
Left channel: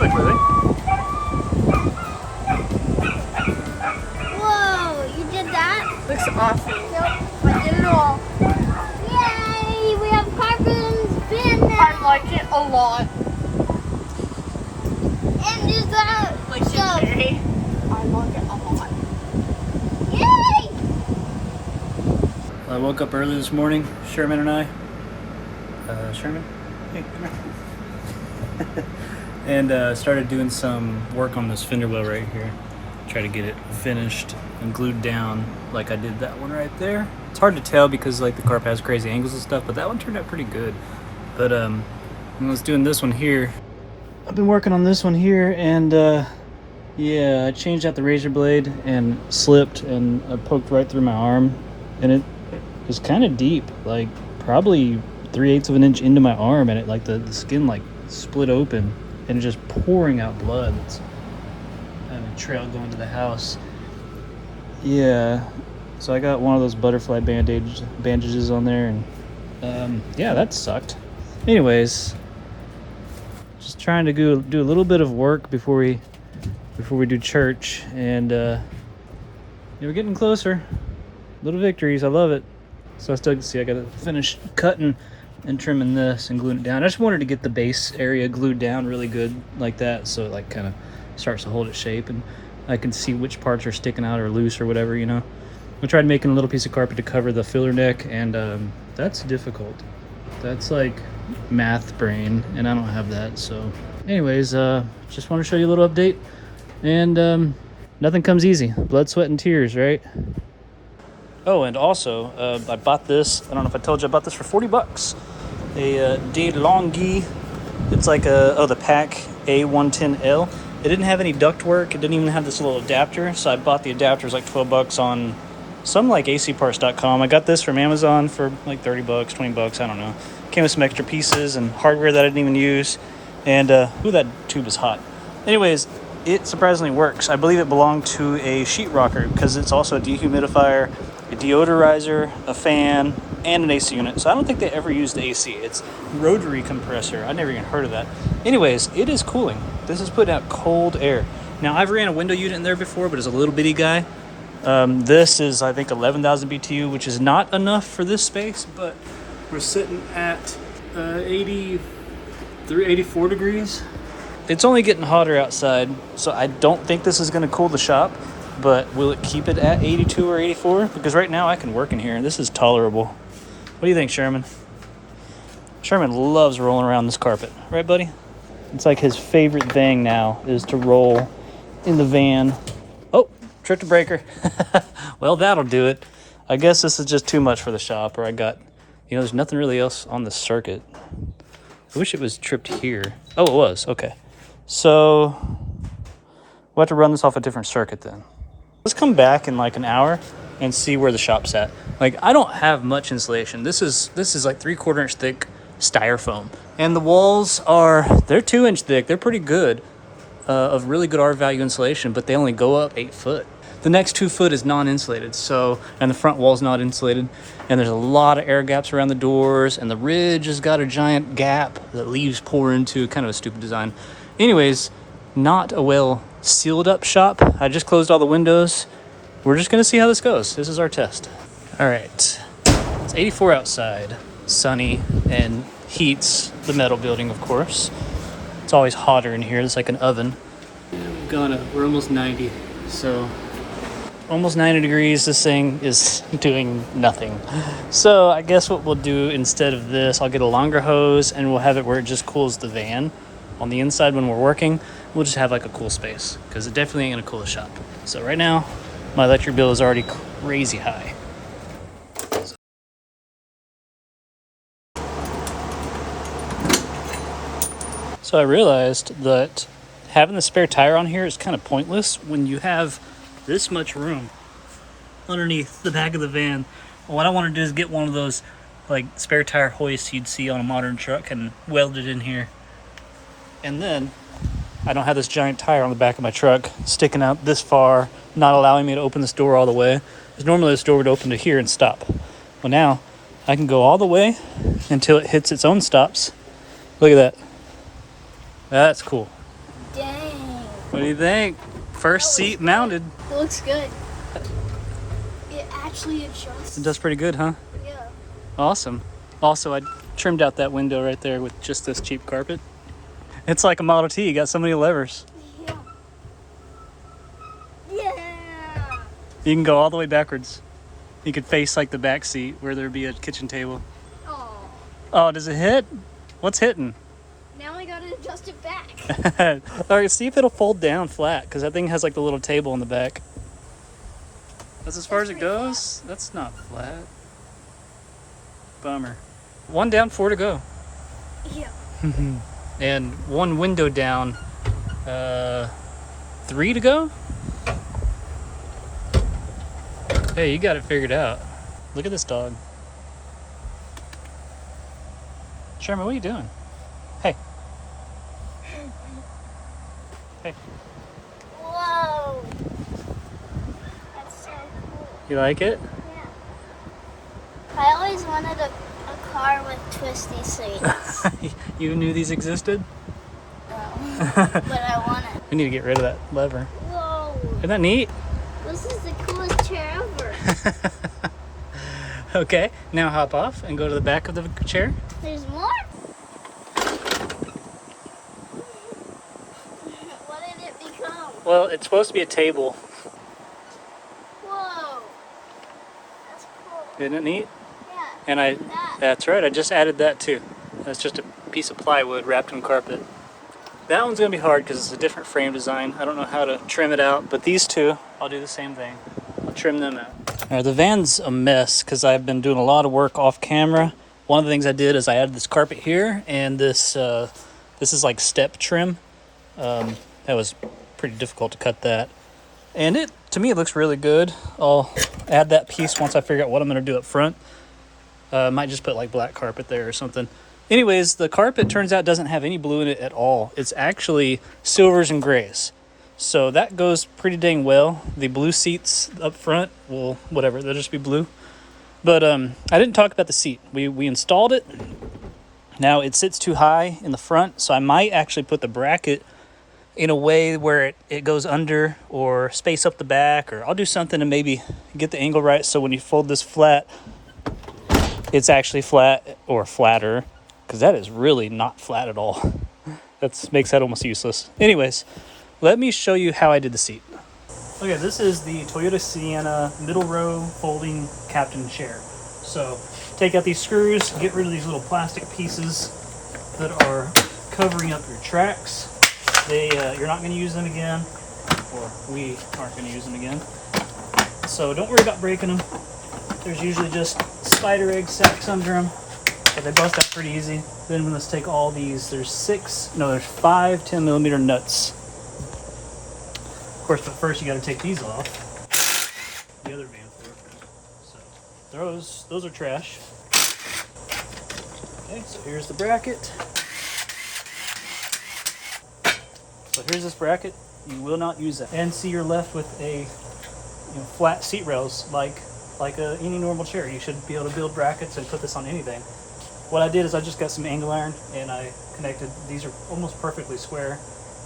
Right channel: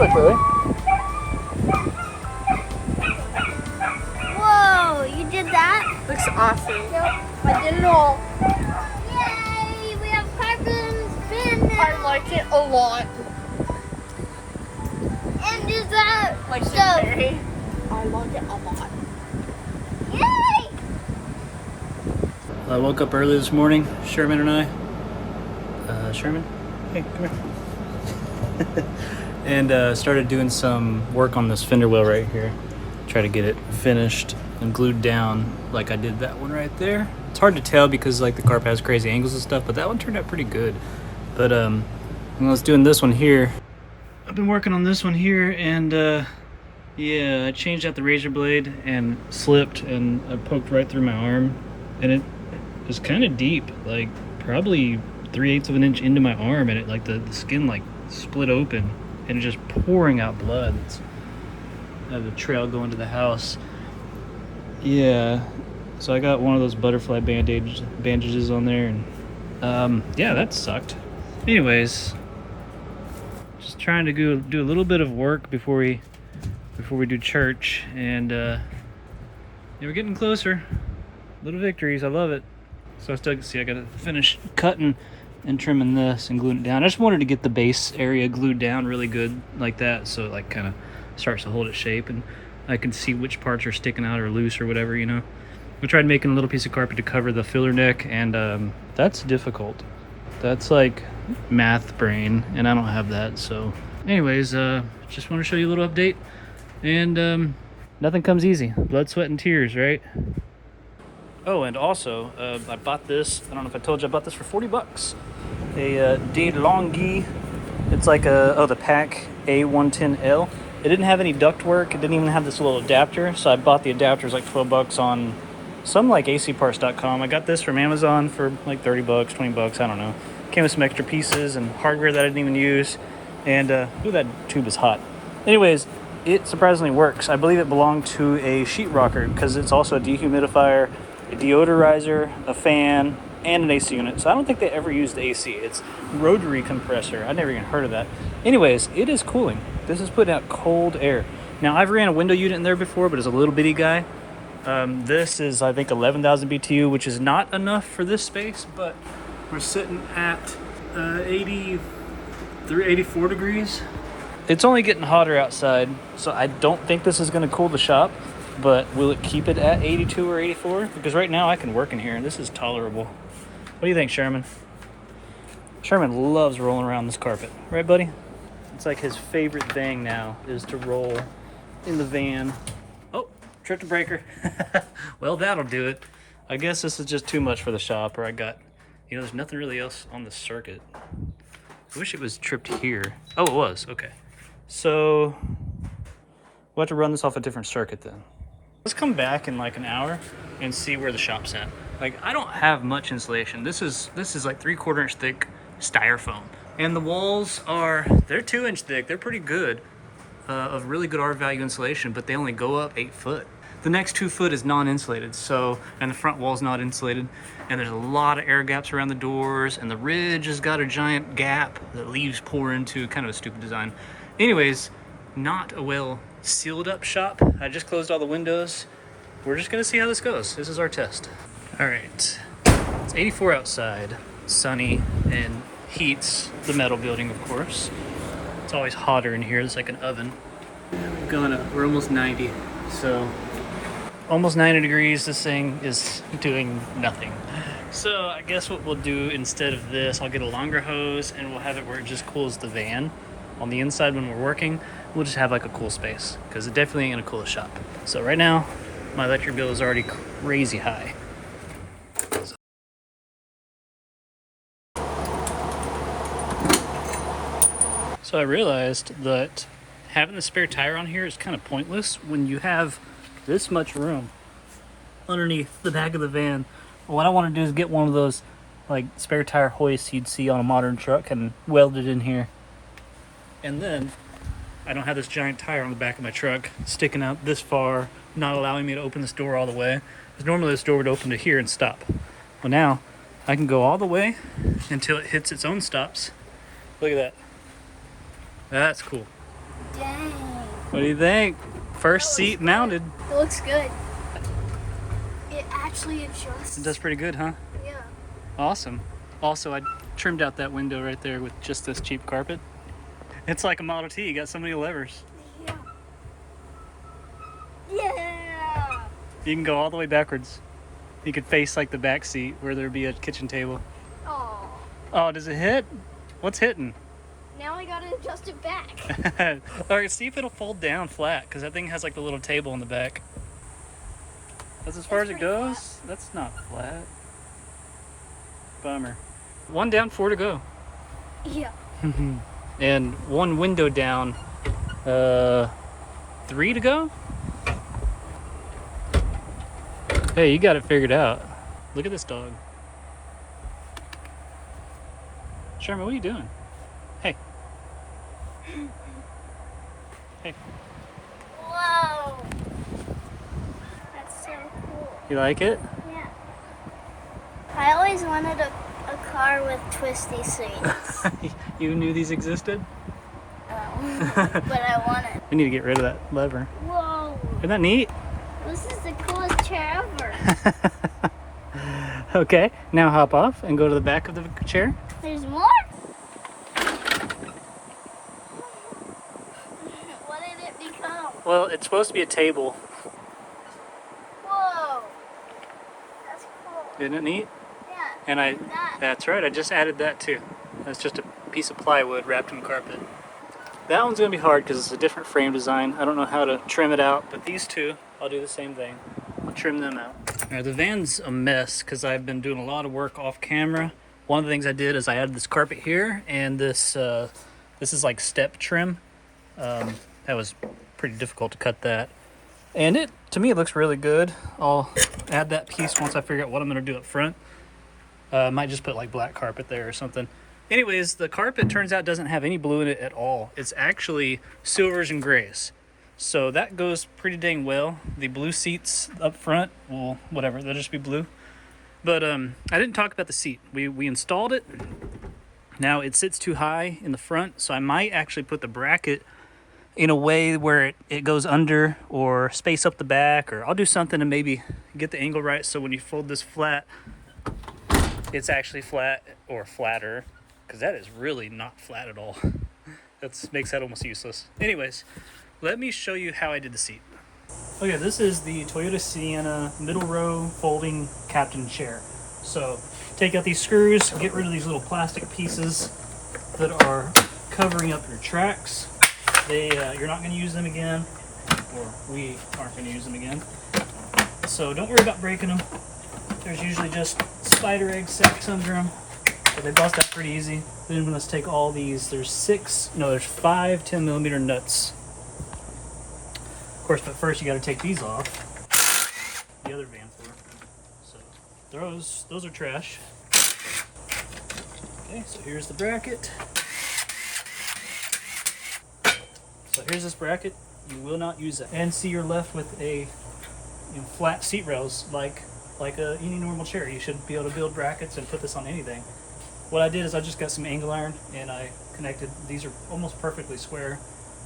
look, Lily. Whoa, you did that? Looks awesome. I did it all. Yay, we have carbon's bin now. I like it a lot. And is that Like stove? today, I like it a lot. Yay! I woke up early this morning, Sherman and I. Sherman? Hey, come here. And started doing some work on this fender well right here. Try to get it finished and glued down like I did that one right there. It's hard to tell because like the carpet has crazy angles and stuff, but that one turned out pretty good. But when I was doing this one here, I've been working on this one here, and yeah, I changed out the razor blade and slipped, and I poked right through my arm, and it was kind of deep, like probably 3/8 of an inch into my arm, and it like the skin like split open and it's just pouring out blood. I have a trail going to the house. Yeah, so I got one of those butterfly bandages on there, and yeah, that sucked. Anyways, just trying to do a little bit of work before we do church, and yeah, we're getting closer. Little victories, I love it. So I still can see I gotta finish cutting and trimming this and gluing it down. I just wanted to get the base area glued down really good like that, so it like kind of starts to hold its shape, and I can see which parts are sticking out or loose or whatever, you know. I tried making a little piece of carpet to cover the filler neck, and that's difficult. That's like math brain, and I don't have that. So anyways, just want to show you a little update, and nothing comes easy. Blood, sweat, and tears, right? Oh, and also I bought this. I don't know if I told you, I bought this for 40 bucks. A DeLonghi. It's like the pack A110L. It didn't have any ductwork. It didn't even have this little adapter, so I bought the adapter. It was like 12 bucks on some like acparts.com. I got this from Amazon for like 30 bucks, 20 bucks, I don't know. Came with some extra pieces and hardware that I didn't even use. And ooh, that tube is hot. Anyways, it surprisingly works. I believe it belonged to a sheetrocker because it's also a dehumidifier, a deodorizer, a fan, and an AC unit. So I don't think they ever used the AC. It's rotary compressor. I never even heard of that. Anyways, it is cooling. This is putting out cold air. Now, I've ran a window unit in there before, but it's a little bitty guy. This is, I think, 11,000 BTU, which is not enough for this space, but we're sitting at 84 degrees. It's only getting hotter outside, so I don't think this is going to cool the shop, but will it keep it at 82 or 84? Because right now I can work in here, and this is tolerable. What do you think, Sherman? Sherman loves rolling around this carpet. Right, buddy? It's like his favorite thing now is to roll in the van. Oh, tripped a breaker. Well, that'll do it. I guess this is just too much for the shop, or I got, you know, there's nothing really else on the circuit. I wish it was tripped here. Oh, it was. Okay. So we'll have to run this off a different circuit then. Let's come back in like an hour and see where the shop's at. Like, I don't have much insulation. This is like 3/4 inch thick styrofoam, and the walls they're 2 inch thick. They're pretty good, of really good R value insulation, but they only go up 8 foot. The next 2 foot is non-insulated, and the front wall's not insulated, and there's a lot of air gaps around the doors, and the ridge has got a giant gap that leaves pour into. Kind of a stupid design. Anyways, not a well sealed up shop. I just closed all the windows. We're just gonna see how this goes. This is our test. All right, it's 84 outside, sunny, and heats the metal building, of course. It's always hotter in here. It's like an oven. Yeah, we're almost 90, so almost 90 degrees. This thing is doing nothing. So I guess what we'll do instead of this, I'll get a longer hose and we'll have it where it just cools the van. On the inside when we're working, we'll just have like a cool space, because it definitely ain't gonna cool the shop. So right now, my electric bill is already crazy high. So I realized that having the spare tire on here is kind of pointless when you have this much room underneath the back of the van. Well, what I want to do is get one of those like spare tire hoists you'd see on a modern truck and weld it in here. And then I don't have this giant tire on the back of my truck sticking out this far, not allowing me to open this door all the way. Because normally this door would open to here and stop. Well, now I can go all the way until it hits its own stops. Look at that. That's cool. Dang. What do you think? First seat mounted. It looks good. It actually adjusts. It does pretty good, huh? Yeah. Awesome. Also, I trimmed out that window right there with just this cheap carpet. It's like a Model T. You got so many levers. Yeah. Yeah. You can go all the way backwards. You could face like the back seat where there'd be a kitchen table. Oh. Oh, does it hit? What's hitting? Now I gotta adjust it back. All right, see if it'll fold down flat, because that thing has like the little table in the back. That's as far as it goes? That's not flat. Bummer. One down, 4 to go. Yeah. And one window down, 3 to go? Hey, you got it figured out. Look at this dog. Sherman, what are you doing? Hey. Hey. Whoa. That's so cool. You like it? Yeah. I always wanted a car with twisty seats. You knew these existed? No. But I want it. We need to get rid of that lever. Whoa. Isn't that neat? This is the coolest chair ever. Okay, now hop off and go to the back of the chair. There's more? What did it become? Well, it's supposed to be a table. Whoa. That's cool. Isn't it neat? Yeah. And that's right, I just added that too. That's just a piece of plywood wrapped in carpet. That one's gonna be hard because it's a different frame design. I don't know how to trim it out, but these two, I'll do the same thing. I'll trim them out. All right, the van's a mess because I've been doing a lot of work off camera. One of the things I did is I added this carpet here, and this is like step trim. That was pretty difficult to cut that. And to me, it looks really good. I'll add that piece once I figure out what I'm gonna do up front. Might just put like black carpet there or something. Anyways, the carpet turns out doesn't have any blue in it at all. It's actually silvers and grays. So that goes pretty dang well. The blue seats up front, well, whatever, they'll just be blue. But I didn't talk about the seat. We installed it. Now it sits too high in the front, so I might actually put the bracket in a way where it goes under or space up the back, or I'll do something to maybe get the angle right so when you fold this flat, it's actually flat or flatter, because that is really not flat at all. That makes that almost useless. Anyways, let me show you how I did the seat. Okay, this is the Toyota Sienna middle row folding captain chair. So take out these screws, get rid of these little plastic pieces that are covering up your tracks. You're not going to use them again, or we aren't going to use them again. So don't worry about breaking them. There's usually just spider egg sacks under them, but they bust out pretty easy. Then let's take all these. There's 5 10mm nuts. Of course, but first you got to take these off. The other van floor. So those are trash. Okay, so here's the bracket. So here's this bracket. You will not use that. And see, you're left with a flat seat rails like any normal chair. You should be able to build brackets and put this on anything. What I did is I just got some angle iron and I connected. These are almost perfectly square,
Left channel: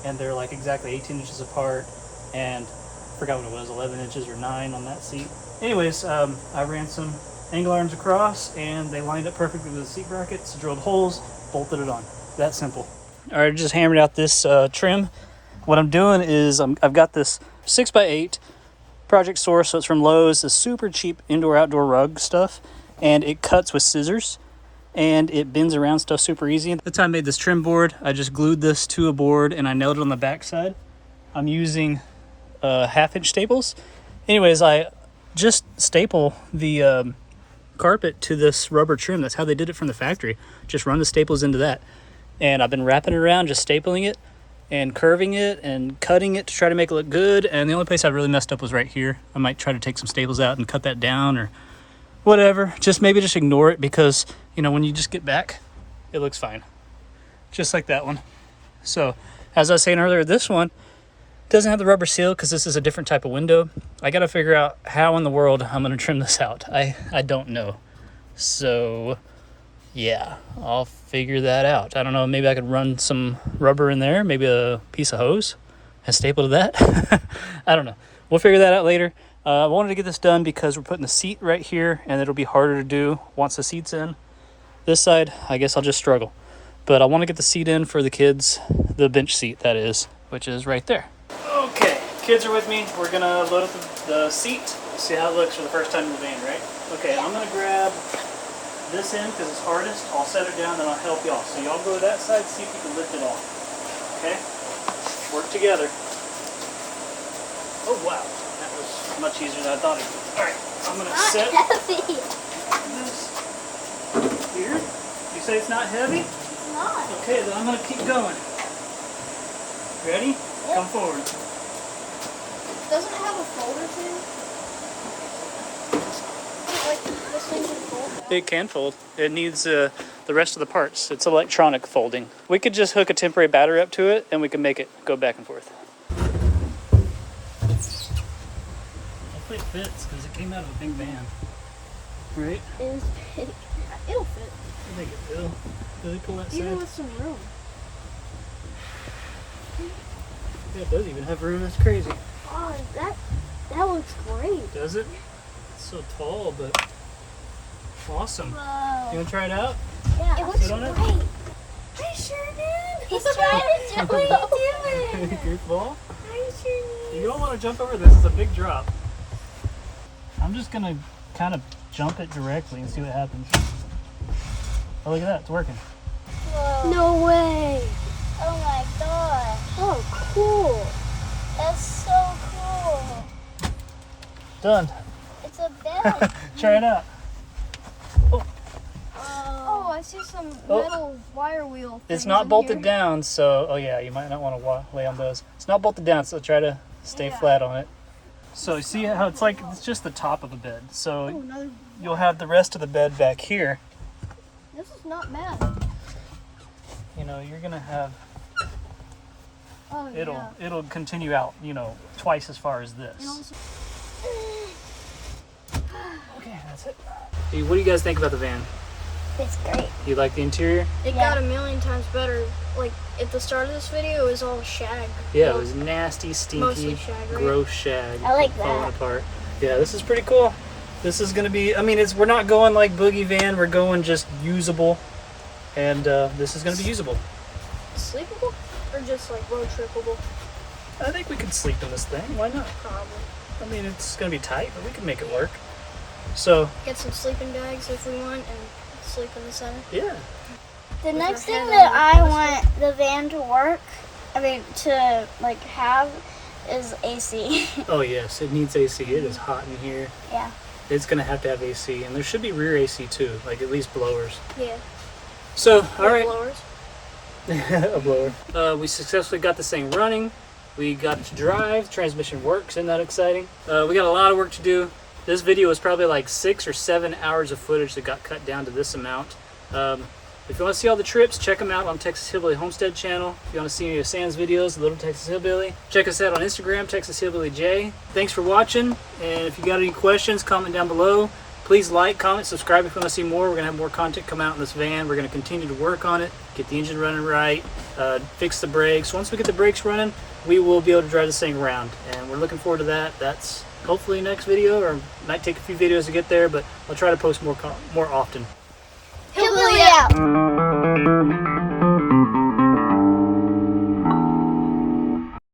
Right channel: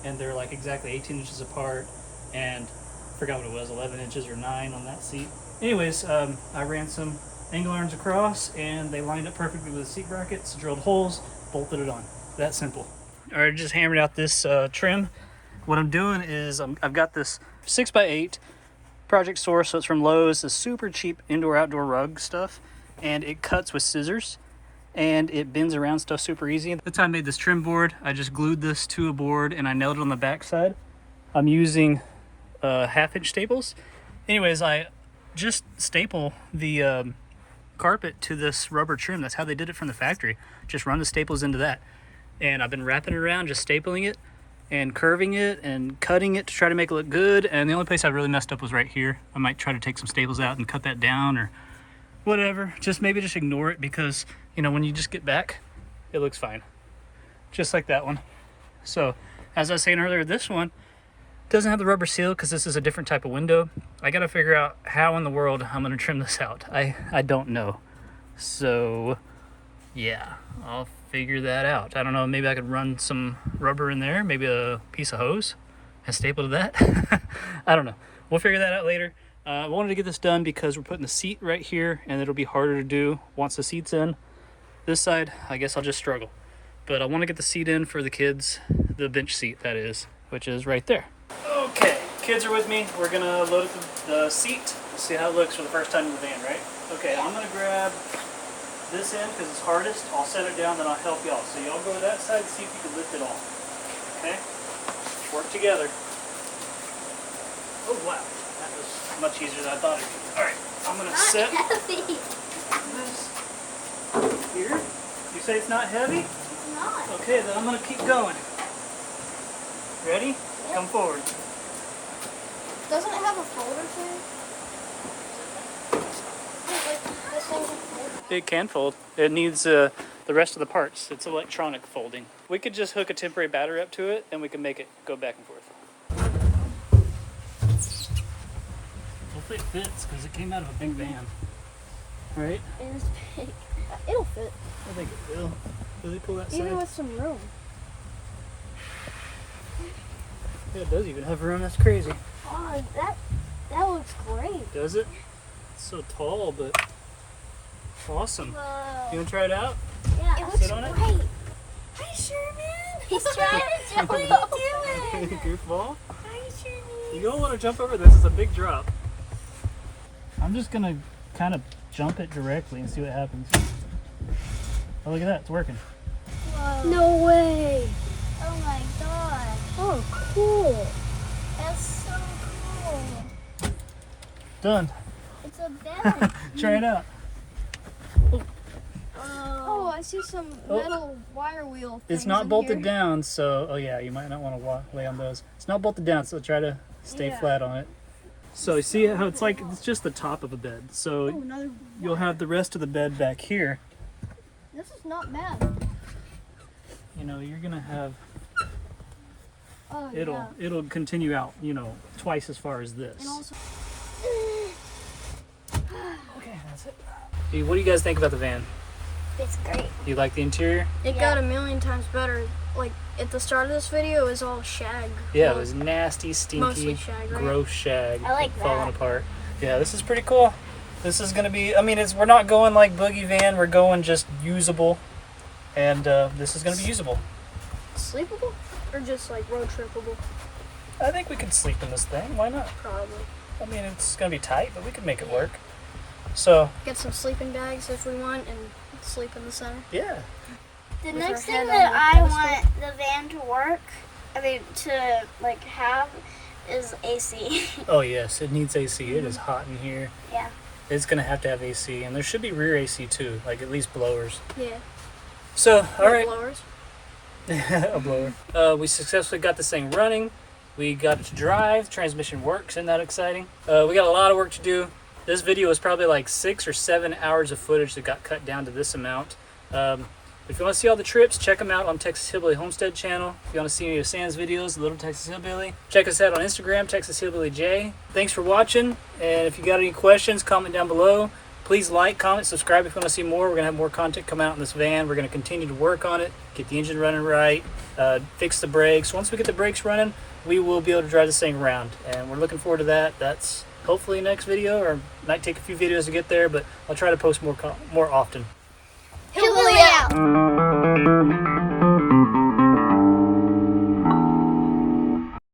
and they're like exactly 18 inches apart, and I forgot what it was, 11 inches or 9 on that seat. Anyways, I ran some angle irons across and they lined up perfectly with the seat brackets, drilled holes, bolted it on. That simple. All right, just hammered out this trim. What I'm doing is I've got this 6x8 Project Source, so it's from Lowe's. It's super cheap indoor-outdoor rug stuff, and it cuts with scissors, and it bends around stuff super easy. That's how I made this trim board. I just glued this to a board, and I nailed it on the backside. I'm using 1/2-inch staples. Anyways, I just staple the carpet to this rubber trim. That's how they did it from the factory. Just run the staples into that. And I've been wrapping it around, just stapling it and curving it and cutting it to try to make it look good. And the only place I really messed up was right here. I might try to take some staples out and cut that down or whatever. Maybe just ignore it, because when you just get back, it looks fine. Just like that one. So as I was saying earlier, this one doesn't have the rubber seal because this is a different type of window. I got to figure out how in the world I'm going to trim this out. I don't know. So yeah, I'll figure that out. I don't know, maybe I could run some rubber in there, maybe a piece of hose and staple to that. I don't know. We'll figure that out later. I wanted to get this done because we're putting the seat right here, and it'll be harder to do once the seat's in. This side, I guess I'll just struggle. But I want to get the seat in for the kids, the bench seat that is, which is right there. Okay, kids are with me. We're gonna load up the seat. We'll see how it looks for the first time in the van, right? Okay, I'm gonna grab this end because it's hardest. I'll set it down and I'll help y'all. So y'all go to that side, see if you can lift it off. Okay? Work together. Oh wow, that was much easier than I thought it would. Alright, I'm gonna set this here. You say it's not heavy? It's not. Okay, then I'm gonna keep going. Ready? Yep. Come forward. Doesn't it have a folder too? Like this thing can fold back? It can fold. It needs the rest of the parts. It's electronic folding. We could just hook a temporary battery up to it and we can make it go back and forth. Hopefully it fits because it came out of a big van. Right? It is big. It'll fit. I think it will. Does it pull that Even side? with some room. Yeah, it does even have room. That's crazy. Oh, that looks great. Does it? It's so tall, but awesome. Wow. You want to try it out? Yeah, it looks Sit on it? great. Hi, Sherman. He's trying to jump. What are you doing? Your ball? Hi, Sherman. You don't want to jump over this. It's a big drop. I'm just going to kind of jump it directly and see what happens. Oh, look at that. It's working. Whoa. No way. Oh my gosh. Oh, cool. That's so cool. Done. It's a bed. Try it out. Oh, I see some metal wire wheel. It's things not in bolted here. down, so... Oh, yeah. You might not want to lay on those. It's not bolted down, so try to stay flat on it. So you see how it's like... It's just the top of a bed. So you'll have the rest of the bed back here. This is not bad. You know, you're going to have... Oh, yeah. It'll continue out, you know, twice as far as this. And also, Okay, that's it. Hey, what do you guys think about the van? it's great. You like the interior? It got a million times better. Like, at the start of this video, it was all shag. Yeah, it was nasty, stinky, Mostly shag, right? gross shag. I like falling that. apart. Yeah, this is pretty cool. This is gonna be. I mean, we're not going like Boogie van. We're going just usable, and this is gonna be usable. Sleepable? Or just, like, road trippable? I think we could sleep in this thing. Why not? Probably. I mean, it's gonna be tight, but we can make it work. So Get some sleeping bags if we want, and sleep in the center. yeah. The With next our thing head that on I the want the van to work, to like have, is AC. Oh yes, it needs AC. It is hot in here. Yeah. It's gonna have to have AC, and there should be rear AC too, like at least blowers. Yeah. So all right. Blowers. A blower. We successfully got this thing running. We got it to drive. Transmission works. Isn't that exciting? We got a lot of work to do. This video is probably like 6 or 7 hours of footage that got cut down to this amount. If you want to see all the trips, check them out on Texas Hillbilly Homestead channel. If you want to see any of Sam's videos, Little Texas Hillbilly, check us out on Instagram, Texas Hillbilly J. Thanks for watching, and if you got any questions, comment down below. Please like, comment, subscribe if you want to see more. We're going to have more content come out in this van. We're going to continue to work on it, get the engine running right, fix the brakes. Once we get the brakes running, we will be able to drive this thing around, and we're looking forward to that. That's hopefully next video, or might take a few videos to get there, but I'll try to post more often. Hillbilly out!